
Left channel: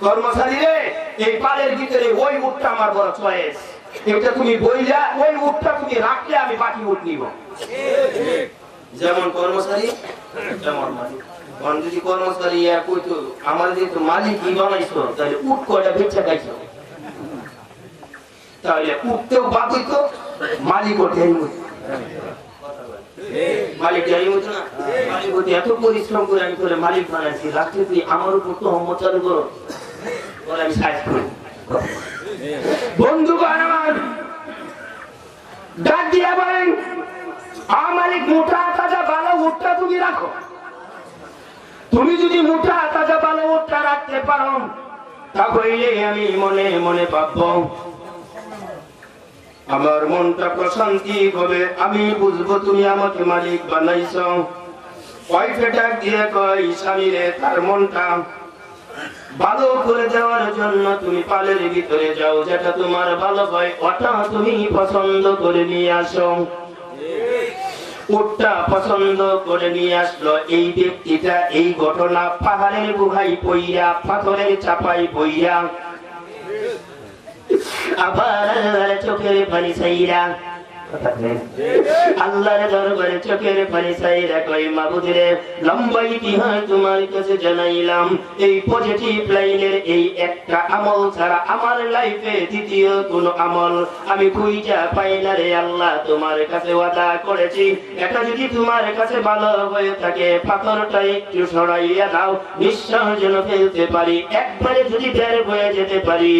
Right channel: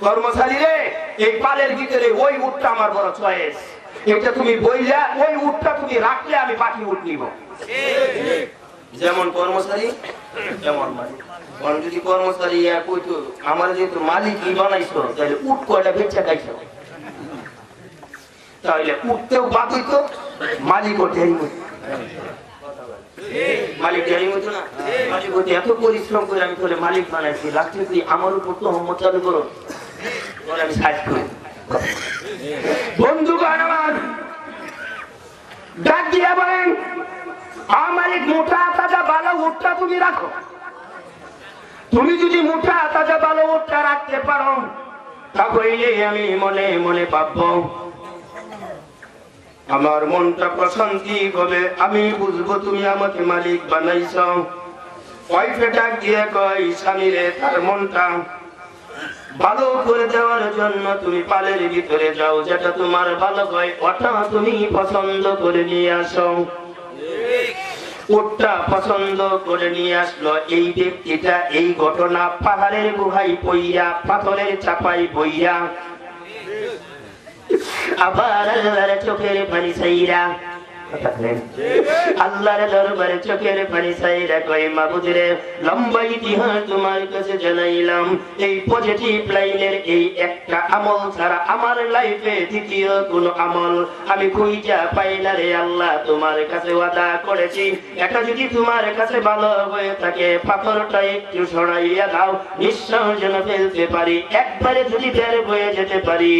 কর্মচারী রে এই পালের ভিতরে ওই উটটা আমার বড় চয়েস এটা তুমি বইলা ওই উটটা তুমি রাখলে আমি বাকি উট নিব যেমন কর্মচারী তেমন মালিক কারণ যদি কর্মচারী কইতো আমার যেহেতু মালিকই বানাইছো তাহলে উট কয়টা বেচা খাইছো তাহলে উঠতেও বাদ হইতো মালিকও টেরি মালিক টেরি হতো না মালিক হতে এত পরিশ্রম করে আমি তোরে মালিক বানাইছি লাস্টে তুই আমার উপর তো হম্মত চালু করো তোরে আমি সাহায্য করি বন্ধুগণ আমার ডাক দিয়া বলেন আমার মোটা তাজা ভালো উটটা তুমি রাখো তুমি যদি মোটা তাজা ভালো উটটা রাখতে পারো তাহলে আমি মনে মনে ভাববো আমার মনটা প্রশান্তি হবে আমি বুঝবো তুমি আমাকে মালিক বানাইছো ওয়াইফে ডাক দিয়ে কই স্বামী রে তার মনটা ভালো করে দেওয়ার জন্য তুমি পালের ভিতরে যাও যেটা তোমার ভালো হয় ওটা তুমি পছন্দ করে নিয়ে আসো উটটা পছন্দ করে নিয়ে আসলো এই ব্যক্তিটা এই ঘটনা পাহাড়ের গুহায় পইয়া পাথরের চাপাই বইয়া আবার চোখের পানি ছাইরা আল্লাহর দরবারে চোখের পানি চাই রাখো মাবুদের লম্বা ইতিহাস তোমার কাছে জানাইলাম। এই পজিটিভ লাইনের এই একটা আমল ছাড়া আমার লাইফে দ্বিতীয় কোন আমল আমি খুঁজে পাই না রে আল্লাহ। তোমার কাছে ওয়াদা করেছি এটা যদি তোমার কাছে ভালো হয়ে থাকে পাথরটা একটু সরাইয়া দাও, নিঃশ্বাস যেন ফেলতে পারি, একবারে যদি বের হয়ে যেতে পারি।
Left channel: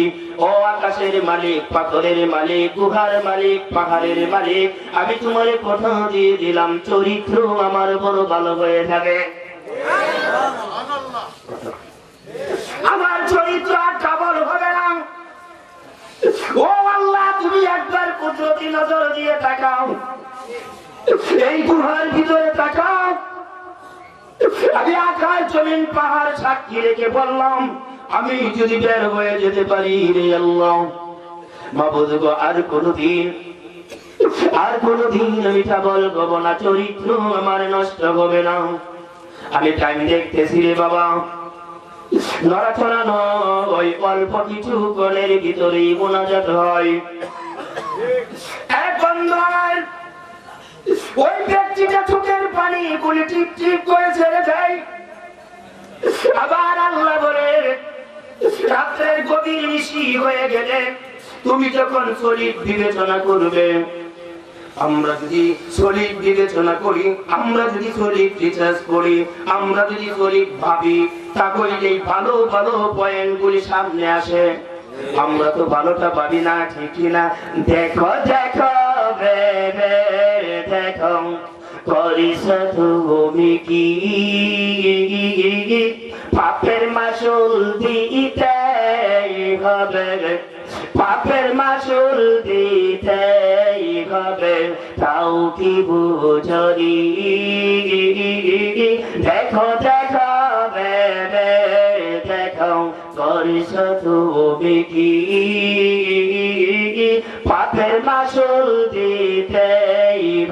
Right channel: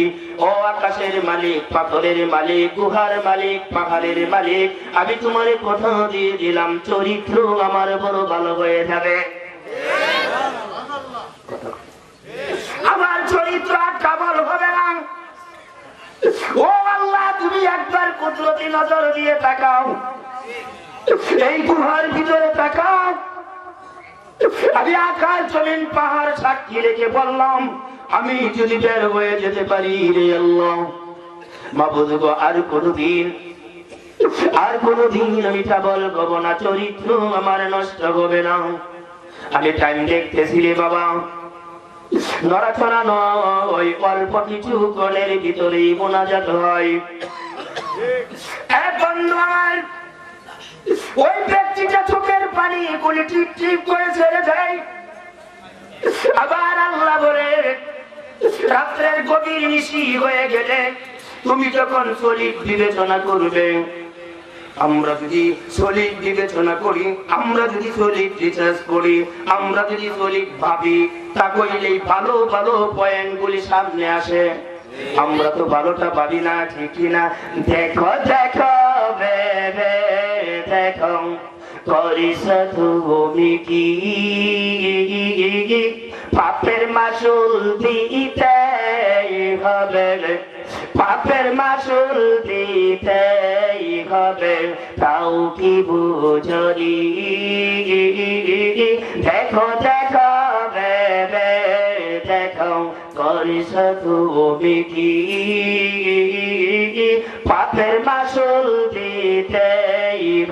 ও আকাশের মালিক, পাথরের মালিক, গুহার মালিক, পাহাড়ের মালিক, আমি তোমার কথা দিয়ে দিলাম চরিত্র আমার বড় ভালো হয়ে যাবে। আমার চরিত্র আর কাবল হবে না। ও আল্লাহ, তুমি একবার কুদরতি নজর দিয়ে তাকাও, এই গুহার ভিতরে তাকাও। আমি আকাশ জমিন পাহাড় সাক্ষী রেখে বললাম আমি যদি বের হয়ে যেতে পারি রে আল্লাহ মাবুদ গো, আর কোনদিন ওইটা বলবো না, চরিত্র আমার নষ্ট হবে না। আমি টাইম দেখতেছি রে বাবা, নড়াচড়া নয়, অল্প কিছু কলের ভিতরেই মোনাজাত হয়। এখন নয়, ওই ব্যক্তিটা চোখের পানি গুলি টিপ টিপ করে ছেড়ে যায়। আবার আল্লাহ বলে রাত্রের গভীর নিশি হয়ে গেলে তুমি যখন সলিড বিবেচনা করবে, আমরা যদি সলিড বিবেচনা করি, আমরা যদি সলিড রিসার্চ করি, আমরা যদি সলিড ভাবি, তা করলেই ভালো ভালো পয়েন্ট গুলি সামনে আসে। আমরা তো ভালোটা ভাবি না, ঠিক না? দেখো দেখো ভেবে দেখো করিস তুমি কি পাপের মাসুল দিতে হবে, পাপের মাসুল দিতে হবে, তাও কি বুঝি? দেখো দেখো ভেবে দেখো করিস তুমি কি পাপের মাসুল দিতে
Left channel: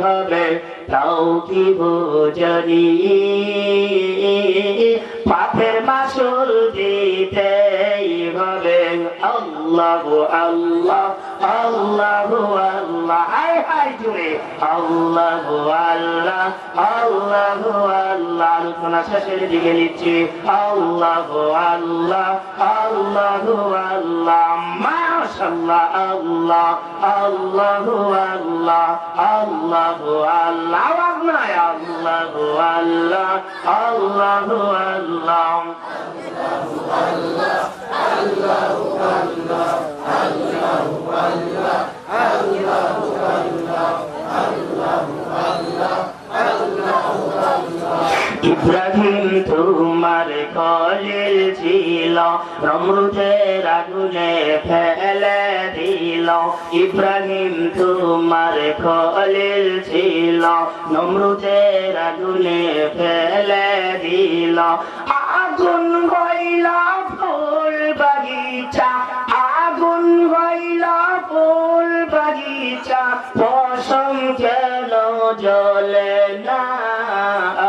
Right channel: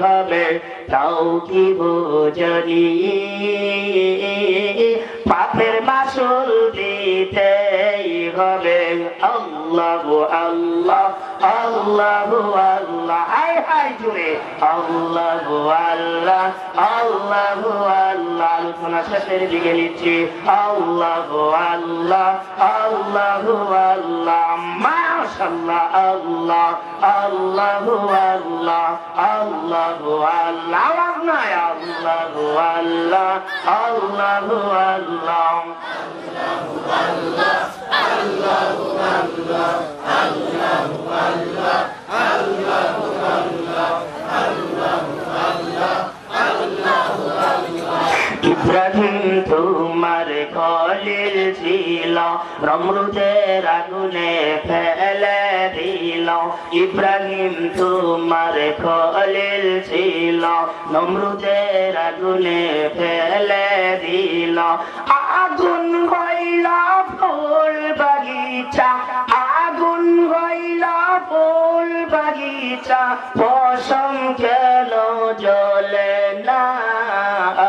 হবে, তাও কি বুঝি? পাপের মাসুল দিতে হবে। আল্লাহ আল্লাহ আল্লাহ আল্লাহ, হায় হায় জুড়ে আল্লাহ আল্লাহ আল্লাহ আল্লাহ। আলোচনা শেষের দিকে নিচ্ছি। আল্লাহ আল্লাহ আল্লাহ আল্লাহ, মাশাআল্লাহ, আল্লাহ আল্লাহ আল্লাহ আল্লাহ আল্লাহ, আওয়াজ নাই, আল্লাহ আল্লাহ আল্লাহ আল্লাহ ইব্রাহিম তোমার কলিল ছিল, নমরুদের আগুনে ফেলে দিল। ইব্রাহিম তোমার কলিল ছিল, নমরুদের আগুনে ফেলে দিল। আগুন হইল ফুল বাগিচা, আগুন হইল ফুল বাগিচা, পশম কেন জ্বলে না?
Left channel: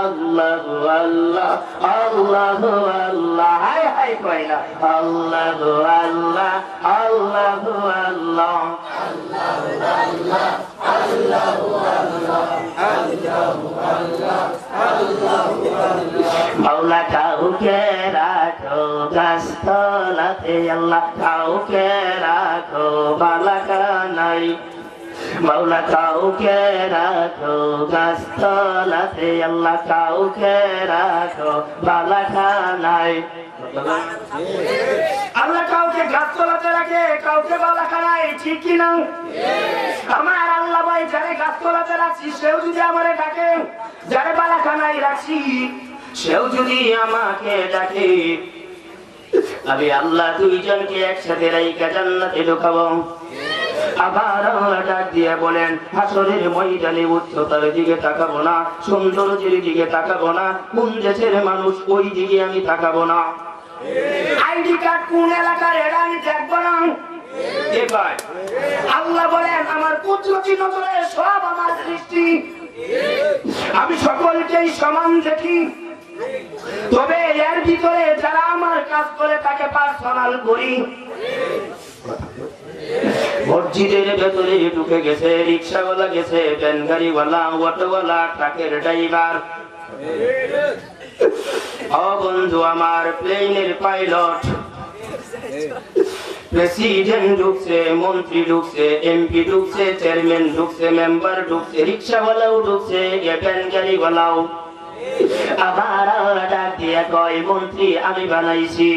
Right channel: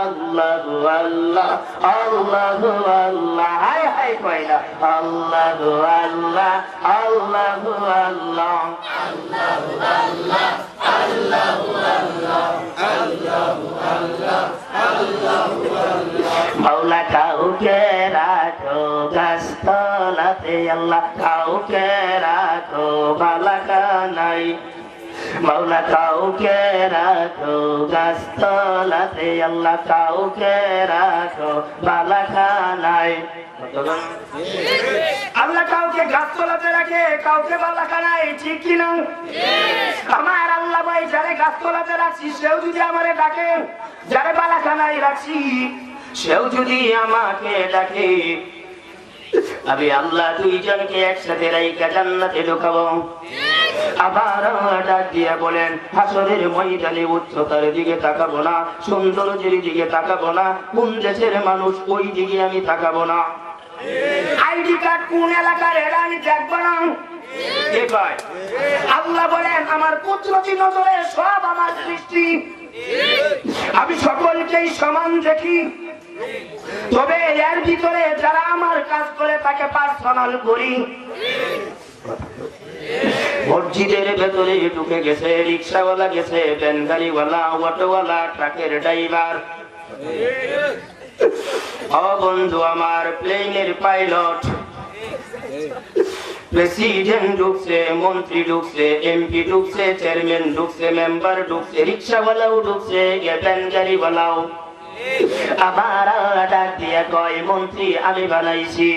আল্লাহ আল্লাহ আল্লাহ আল্লাহ, হায় হায় কয়না, আল্লাহ আল্লাহ আল্লাহ আল্লাহ মাওলা কাউকে রাখো গাছতলাতে, আল্লাহ কাউকে রাখো বালাখানাই, মাওলা কাউকে রাখো গাছতলাতে, আল্লাহ কাউকে রাখো বালাখানাই। আল্লাহ কাউকে গাছতলাতে রাখে, কাউকে বালাখানাই, ঠিক কিনা? আমার আল্লাহ ভাই যারে গাছতলাতে রাখছি সেও যদি আমারে ডাকে, যারে বালাখানায় রাখছি সেও যদি আমাকে ডাকে, আমি আল্লাহ দুইজনকে একসাথে রাইখা জান্নাতে ঢোকাবো। আবার ডাক দিয়া বলেন হাসরের ময়দানে উচ্চতার দিকে তাকাবো না, সৌন্দর্যের দিকে তাকাবো না, কোন দেশের মানুষ ওই দিকে আমি তাকাবো না, আইডি কার্ড কোন এলাকার এরা আমি দেখবো না। আল্লাহ বলেন আমার কুদরতি নজরে সব আমার সৃষ্টি, আমি সকলকেই সমান দেখি। তবে এর ভিতরে যারা আমার কাজ করে তাকে পার্সোনাল করি। মসজিদের ভেতরে ঢুকে গেছে রিক্সাওয়ালা, গেছে ভ্যান গাড়িওয়ালা, অটোওয়ালা, ট্রাকের ড্রাইভার, ও বন্ধু আমার প্লেনের পাইলট, প্রেসিডেন্ট ঢুকছে, মন্ত্রী ঢুকছে, এমপি ঢুকছে, চেয়ারম্যান ঢুকছে, মেম্বার ঢুকছে, রিক্সাওয়ালাও ঢুকছে, ভ্যান গাড়িওয়ালাও। আবার ডাক দিয়া কয়, মন্ত্রী আমি বানাইছি,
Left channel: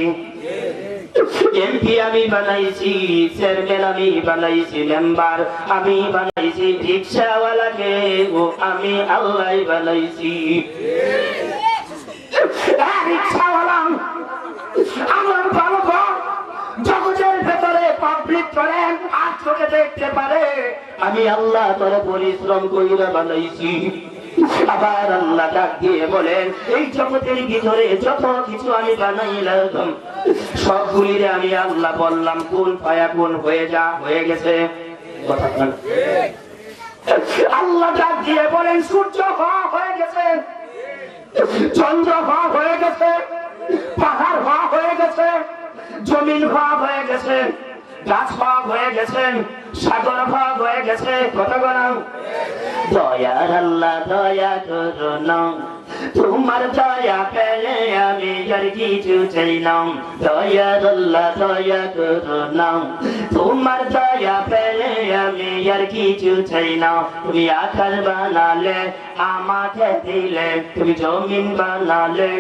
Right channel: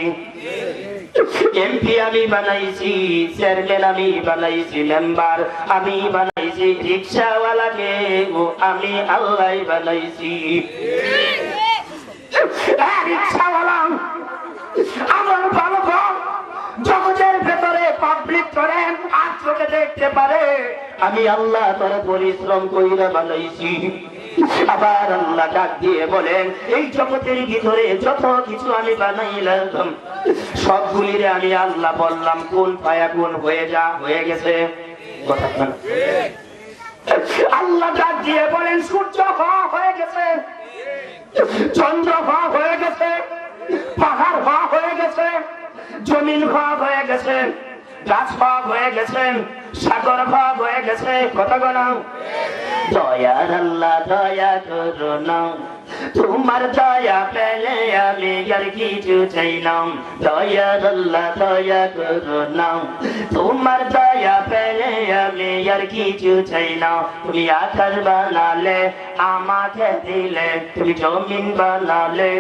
এমপি আমি বানাইছি, চেয়ারম্যান আমি বানাইছি, মেম্বার আমি বানাইছি, রিক্সাওয়ালাকে ও আমি আল্লাহ বানাইছি। রিক্সাওয়ালা আমার ভালো জগতের ভেতরে পাবলিক করে আর চোখে দেখতে পারে আমি আল্লাহ তোর পরিশ্রম কইরা বানাইছি। আবার আল্লাহ ডাক দিয়ে বলেন, এই জগতের ভিতরে যত কিছু আমি বানাইলাম সবগুলিরে আমি আল্লাহ বললাম কোন পায়া কোন হয়ে যা, হয়ে গেছে। কথা বলেন। আল্লাহ ডাক দিয়ে বলেন, সূর্য হয়ে গেছে, চন্দ্র হয়ে গেছে, পাহাড় হয়ে গেছে, জমিন হয়ে গেছে, গাছ হয়ে গেছে, সাগর হয়ে গেছে। কথা বলাম। দয়ার আল্লাহ দয়া করো না, তোমার দয়া পেলে আমি আর কিছু চাই না। দয়ার আল্লাহ দয়া করো না, তোমার দয়া পেলে আমি আর কিছু চাই না। তুমি আকাশ বানালে আমাকে দিলে, তুমি জমিন বানালে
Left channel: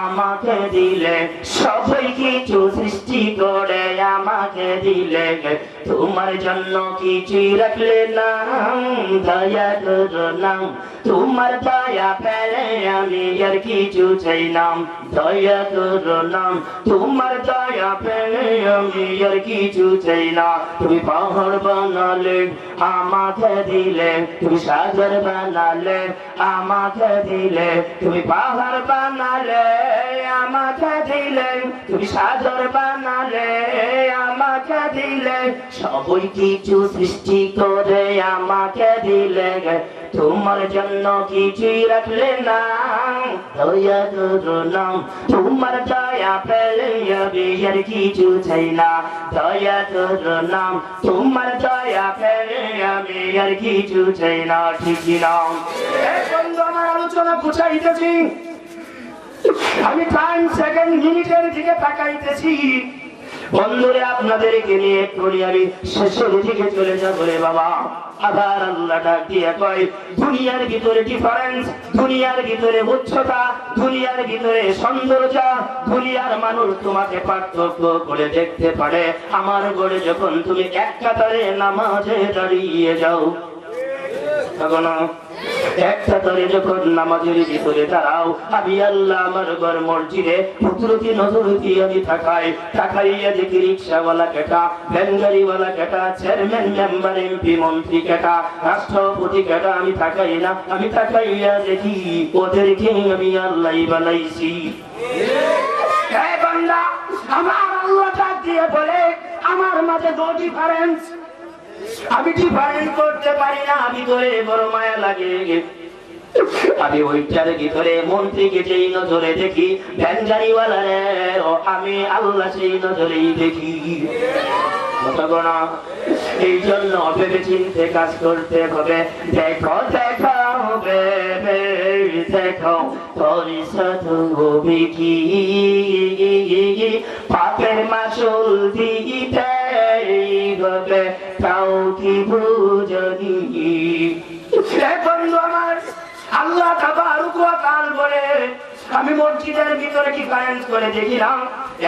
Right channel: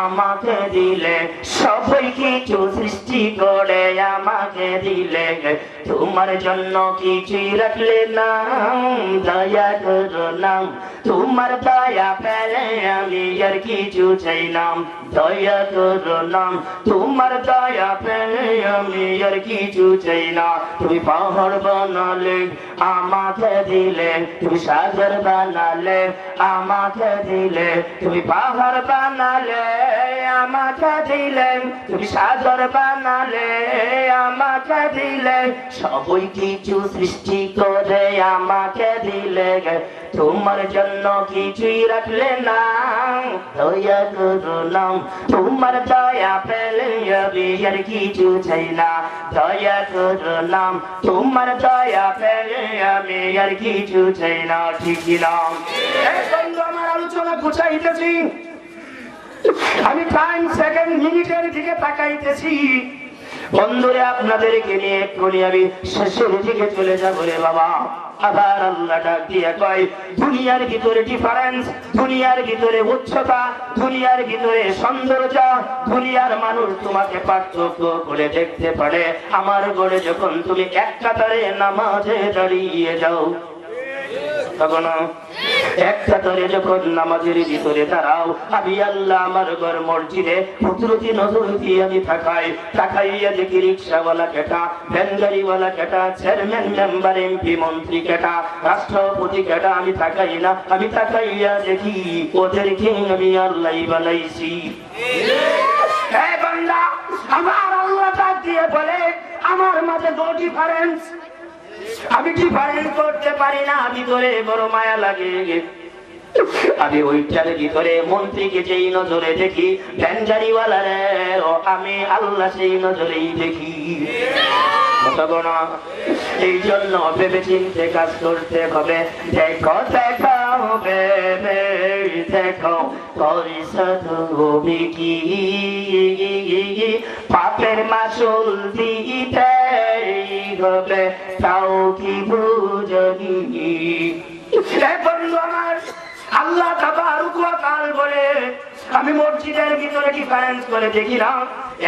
আমাকে দিলে, সবাই কিছু সৃষ্টি করে আমাকে দিলে, তোমার জন্য কিছুই রাখলে না। দয়া করো না, তোমার দয়া পেলে আমি আর কিছু চাই না। দয়া করো না, তোমার দয়া পেলে আমি আর কিছু চাই না। তুমি পাহাড় বানালে আমাকে দিলে, তুমি সাগর বানালে আমাকে দিলে, তুমি পাহাড় বানালে আমাকে দিলে, তুমি সাগর বানালে আমাকে দিলে, সবই কিছু সৃষ্টি করে আমাকে দিলে, তোমার জন্য কিছুই রাখলে না। দয়া করো না, তোমার দয়া পেলে আমি আর কিছু চাই না। দয়া করো না, তোমার দয়া পেলে আমি আর কিছু চাই না। ঠিক না? আমার আলোচনা বুঝাইতেছি, আমি টাইম সেকেন্ড মিনিটের দিকে তাকাইতেছি। বন্ধুরে আপনাদেরকে নিয়ে এক্ষুনি আমি শেষের দিকে চলে যাবো রে বাবা। আবার আল্লাহ ডাক দিয়ে কয়, দুনিয়ার ভিতরে ডিফারেন্স, দুনিয়ার ভিতরে উচ্চতা, দুনিয়ার ভিতরে সৌন্দর্য, দুনিয়ার মানুষ তোমাকে পার্থক্য করে দেখতে পারে আমার ঘরে যখন তুমি এক কাতারে নামাজে দাঁড়িয়ে যাও। তখন একটা ধরে যখন নামাজের ভিতরে দাঁড়াও, আমি আল্লাহ আমার ঘর মসজিদে কুদরতি নজর দিয়ে আমি তাকাইয়া দেখি রিক্সাওয়ালা কেটা, ভ্যান গাড়িওয়ালা কেটা, চেয়ারম্যান মেম্বার এমপি মন্ত্রী কেটা, রাষ্ট্রপতি কেটা, আমি তাকাই না, আমি তাকাইয়া দেখি ওদেরকে আমি আল্লাহ বানাইছি। বান্দা, আমার আল্লাহ ডাক দিয়ে বলে, আমার মাঝে নো ডিফারেন্স, আমি ডিফারেন্স করতে পারি না, আমি তোরে বড় মায়া লাগে। আমি ওইটার ভিতরে মন্ত্রীকে যেই নজরে দেখি, ভ্যান গাড়িওয়ালারে আমি আল্লাহ সেই নজরেই দেখি। এই জন্য ভেবে চিনতে কাজ করতে হবে। দেখো দেখো দেখো পরিশোধ হবে কি, পাপের মাসুল দিতে হবে, তাও কি বুঝি। বন্ধু আমার, আল্লাহ তাবারক ওয়া তাআলা বলে, আমি মসজিদের ভিতরে ডিফারেন্স করে দেখিলাম।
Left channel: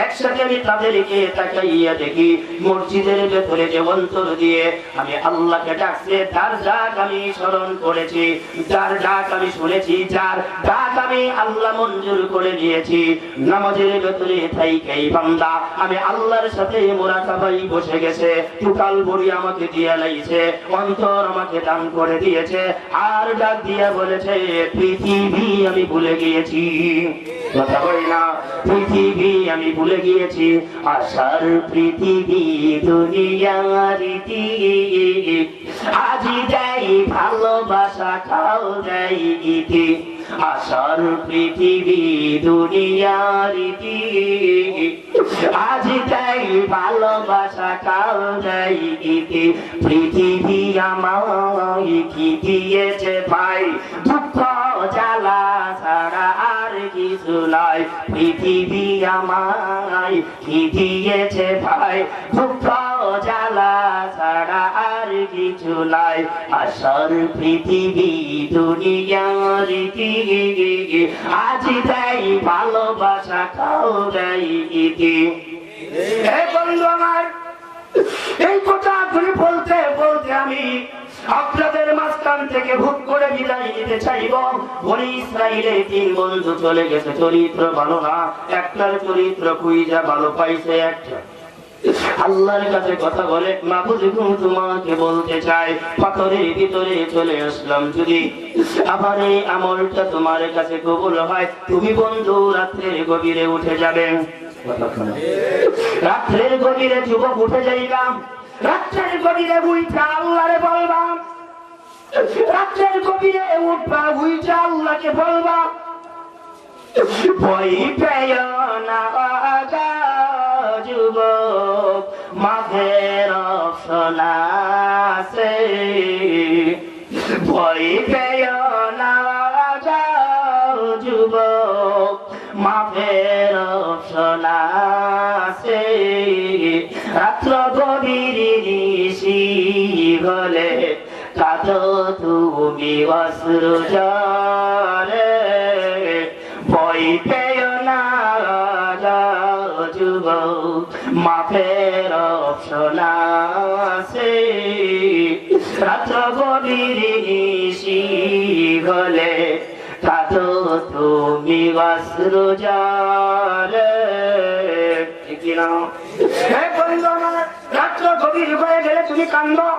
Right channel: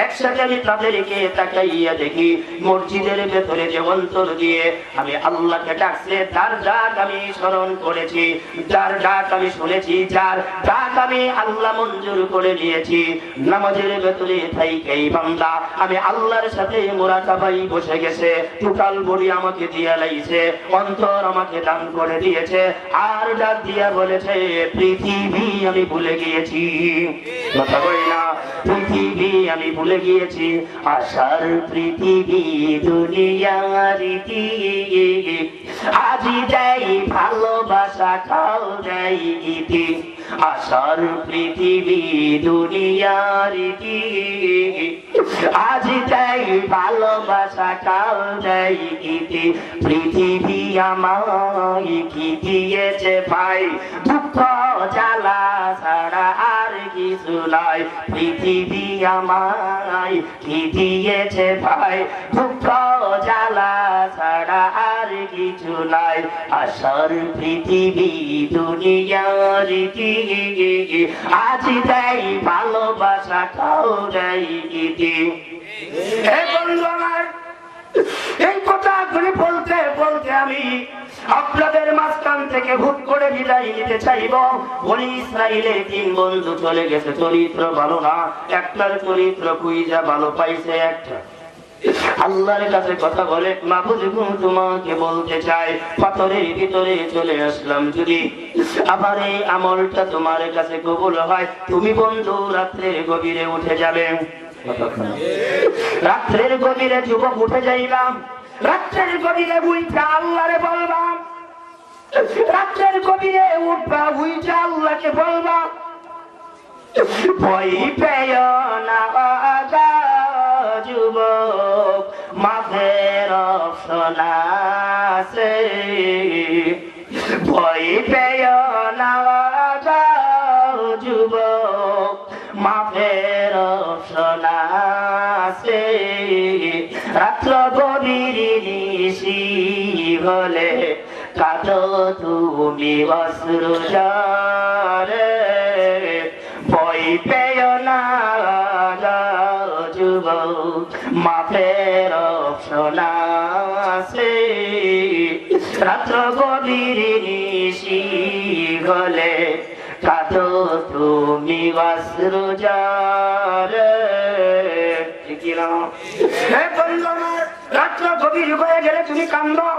একসাথে আমি তাদেরকে তাকাইয়া দেখি, মসজিদের ভেতরে যে অন্তর দিয়ে আমি আল্লাহকে ডাকছে, তার ডাক আমি স্মরণ করেছি, যার ডাক আমি শুনেছি, যার ডাক আমি আল্লাহ মঞ্জুর করে নিয়েছি। নামাজের ভেতরে থাইকাই বান্দা আমি আল্লাহর সাথে মুরাকাবাই বসে গেছে, টোটাল বডি আমাকে দিয়ে লাইছে, অন্তর আমাকে দান করে দিয়েছে, আর ডাক দিয়া বলেছে, পৃথিবী আমি ভুলে গিয়েছি। কথা বলি না, পৃথিবী আমি ভুলে গিয়েছি, আশার পৃথিবী দুনিয়ার রীতি, আজি দেয় ভালোবাসা, খাও দেয় ইতি, আশার পৃথিবী দুনিয়ার রীতি, আজ তাই ভালোবাসা কাল দেয় ইতি, পৃথিবী আমায় কি দিয়েছে ভাই, দুঃখ জ্বালা ছাড়া আর কিছু নাই, পৃথিবী আমায় কি দিয়েছে ভাই, দুঃখ জ্বালা ছাড়া আর কিছু নাই, আশার পৃথিবী দুনিয়ার রীতি, আজ দেয় ভালোবাসা কাল দেয় ইতি। হে বন্ধু আমার, এই কথা ঘুরে বলতে বলতে আমি আপনাদের মাঝখান থেকে হুট করে বিদায় নিতে চাইব। বনি ইসরাইলের 3 বন্ধু চলে গেছে, চরিত্র ভালো না, একটার চরিত্র খুঁজা ভালো পাইছে একটা। আল্লাহর কাছে কথা বলে, মাহবুব তোমাকে বলতে চাই, পাথরের ভিতরে চলে আসলাম, যদি আবার এই আমলটা তোমার কাছে কবুল হয়, তুমি বন্ধু রাত্রের গভীরে উঠে যাবে। রাত্রের গভীরে যুবক উঠে যাইলাম, রাত্রের গভীরে উঠা আল্লাহরে বলবা, রাত্রের গভীরে উঠবা উঠা আল্লাহকে বলবা, ভয় পেয় না আগা যুবক, মাফের অপশন আছে, ভয় পেয় না আগা যুবক, মাফের অপশন আছে, রাত্র গভীর নিশি হলে কাঁদো তুমি অশ্রু জলে, ভয় পেয় না যুবক, মাফের অপশন আছে, রাত্র গভীর নিশি হলে কাঁদো তুমি অশ্রু জলে। ঠিক না? হে বন্ধু আমার, রাত্র গভীর হয়ে গেলে তুমি কান্দো,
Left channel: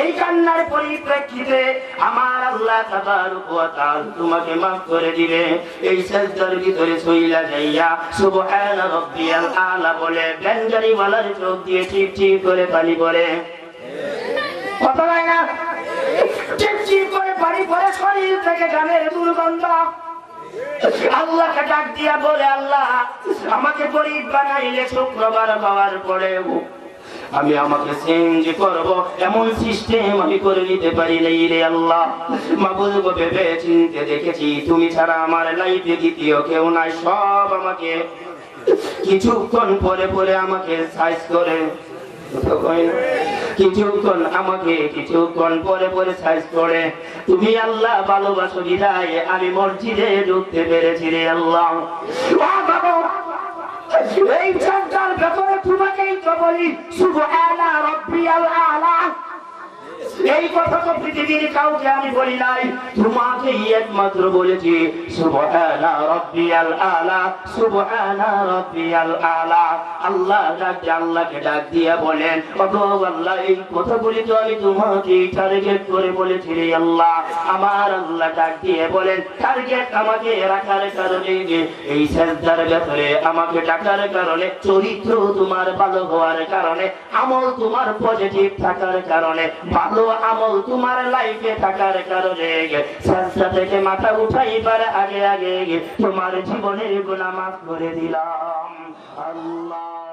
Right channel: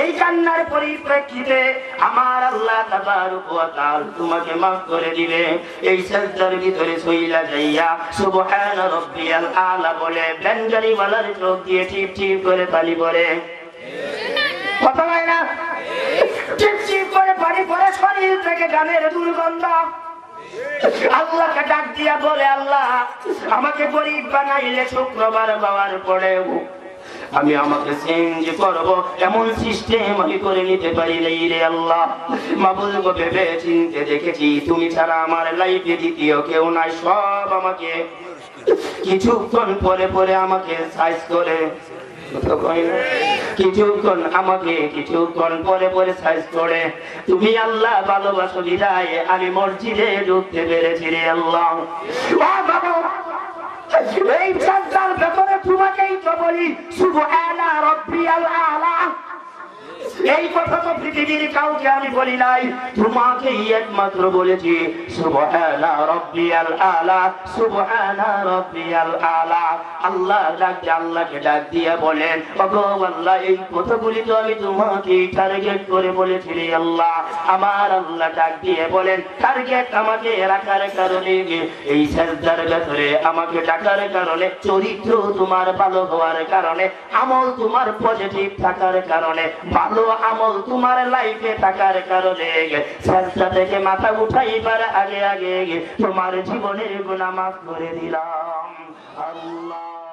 এই কান্নার পরিপ্রেক্ষিতে আমার আল্লাহ তাবারক ওয়া তাআলা তোমাকে মাফ করে দিবে। এই সিজদার ভিতরে সইলা যাইয়া সুবহান রাব্বিয়াল আলা বলে ব্যঞ্জনী ওয়ালার চোখ দিয়ে টিপ টিপ করে পানি পড়ে, কথা হয় না? টিপ টিপ করে পানি পড়ে, শরীর থেকে গানের দুর্গন্ধ। আল্লাহকে ডাক দিয়া বলে, আল্লাহ আমাকে গরীব বানাইলে শুক্রবার পাওয়ার পরেও আমি আমাকে চেঞ্জ করব এমন সিস্টেম আমি করে নিতে পারি নাই রে আল্লাহ। মাবুদ গো, ভেবে চিনতে দেখেছি তুমি ছাড়া আমার লাইফে দ্বিতীয় কেউ নাই, সব আমাকে কিছুক্ষণ পরে পরে আমাকে সাইজ করে, কিছুক্ষণ পরে পরে সাইজ করে। তুমি আল্লাহ ভালোবাসো বিদায় আমি মসজিদে ঢুকতে পেরেছি রে আল্লাহ। এই চারটার ভেতরে তোমাকেই তো বলি সুবহানা রাব্বিয়াল আলা, এই কথা তো পৃথিবীর কাউকে আমি বলি নাই, তোমাকেই একমাত্র বলেছি সুবহানা রাব্বিয়াল আলা, সুবহানা রাব্বিয়াল আলা। আল্লাহ আল্লাহকে ডাক দিয়া বলেন, ওগো আল্লাহ এই কথাগুলি তো আমি তোমাকে টার্গেট করে বলেছি রে আল্লাহ। আমার আল্লাহ ডাক দিয়ে বলেন, টার্গেট আমাকে রাখার কারণে, এই সিজদার ভেতরে আমাকে ডাকার কারণে, চরিত্র তোমার ভালো হওয়ার কারণে, আমল তোমার পজিটিভ থাকার কারণে, ভালো আমল তোমার লাইফে থাকার কারণে, সিজদা থেকে মাথা উঠাইবার আগে আগে তোমার জীবনের গুনাহ মাফ করে দিলাম আল্লাহ।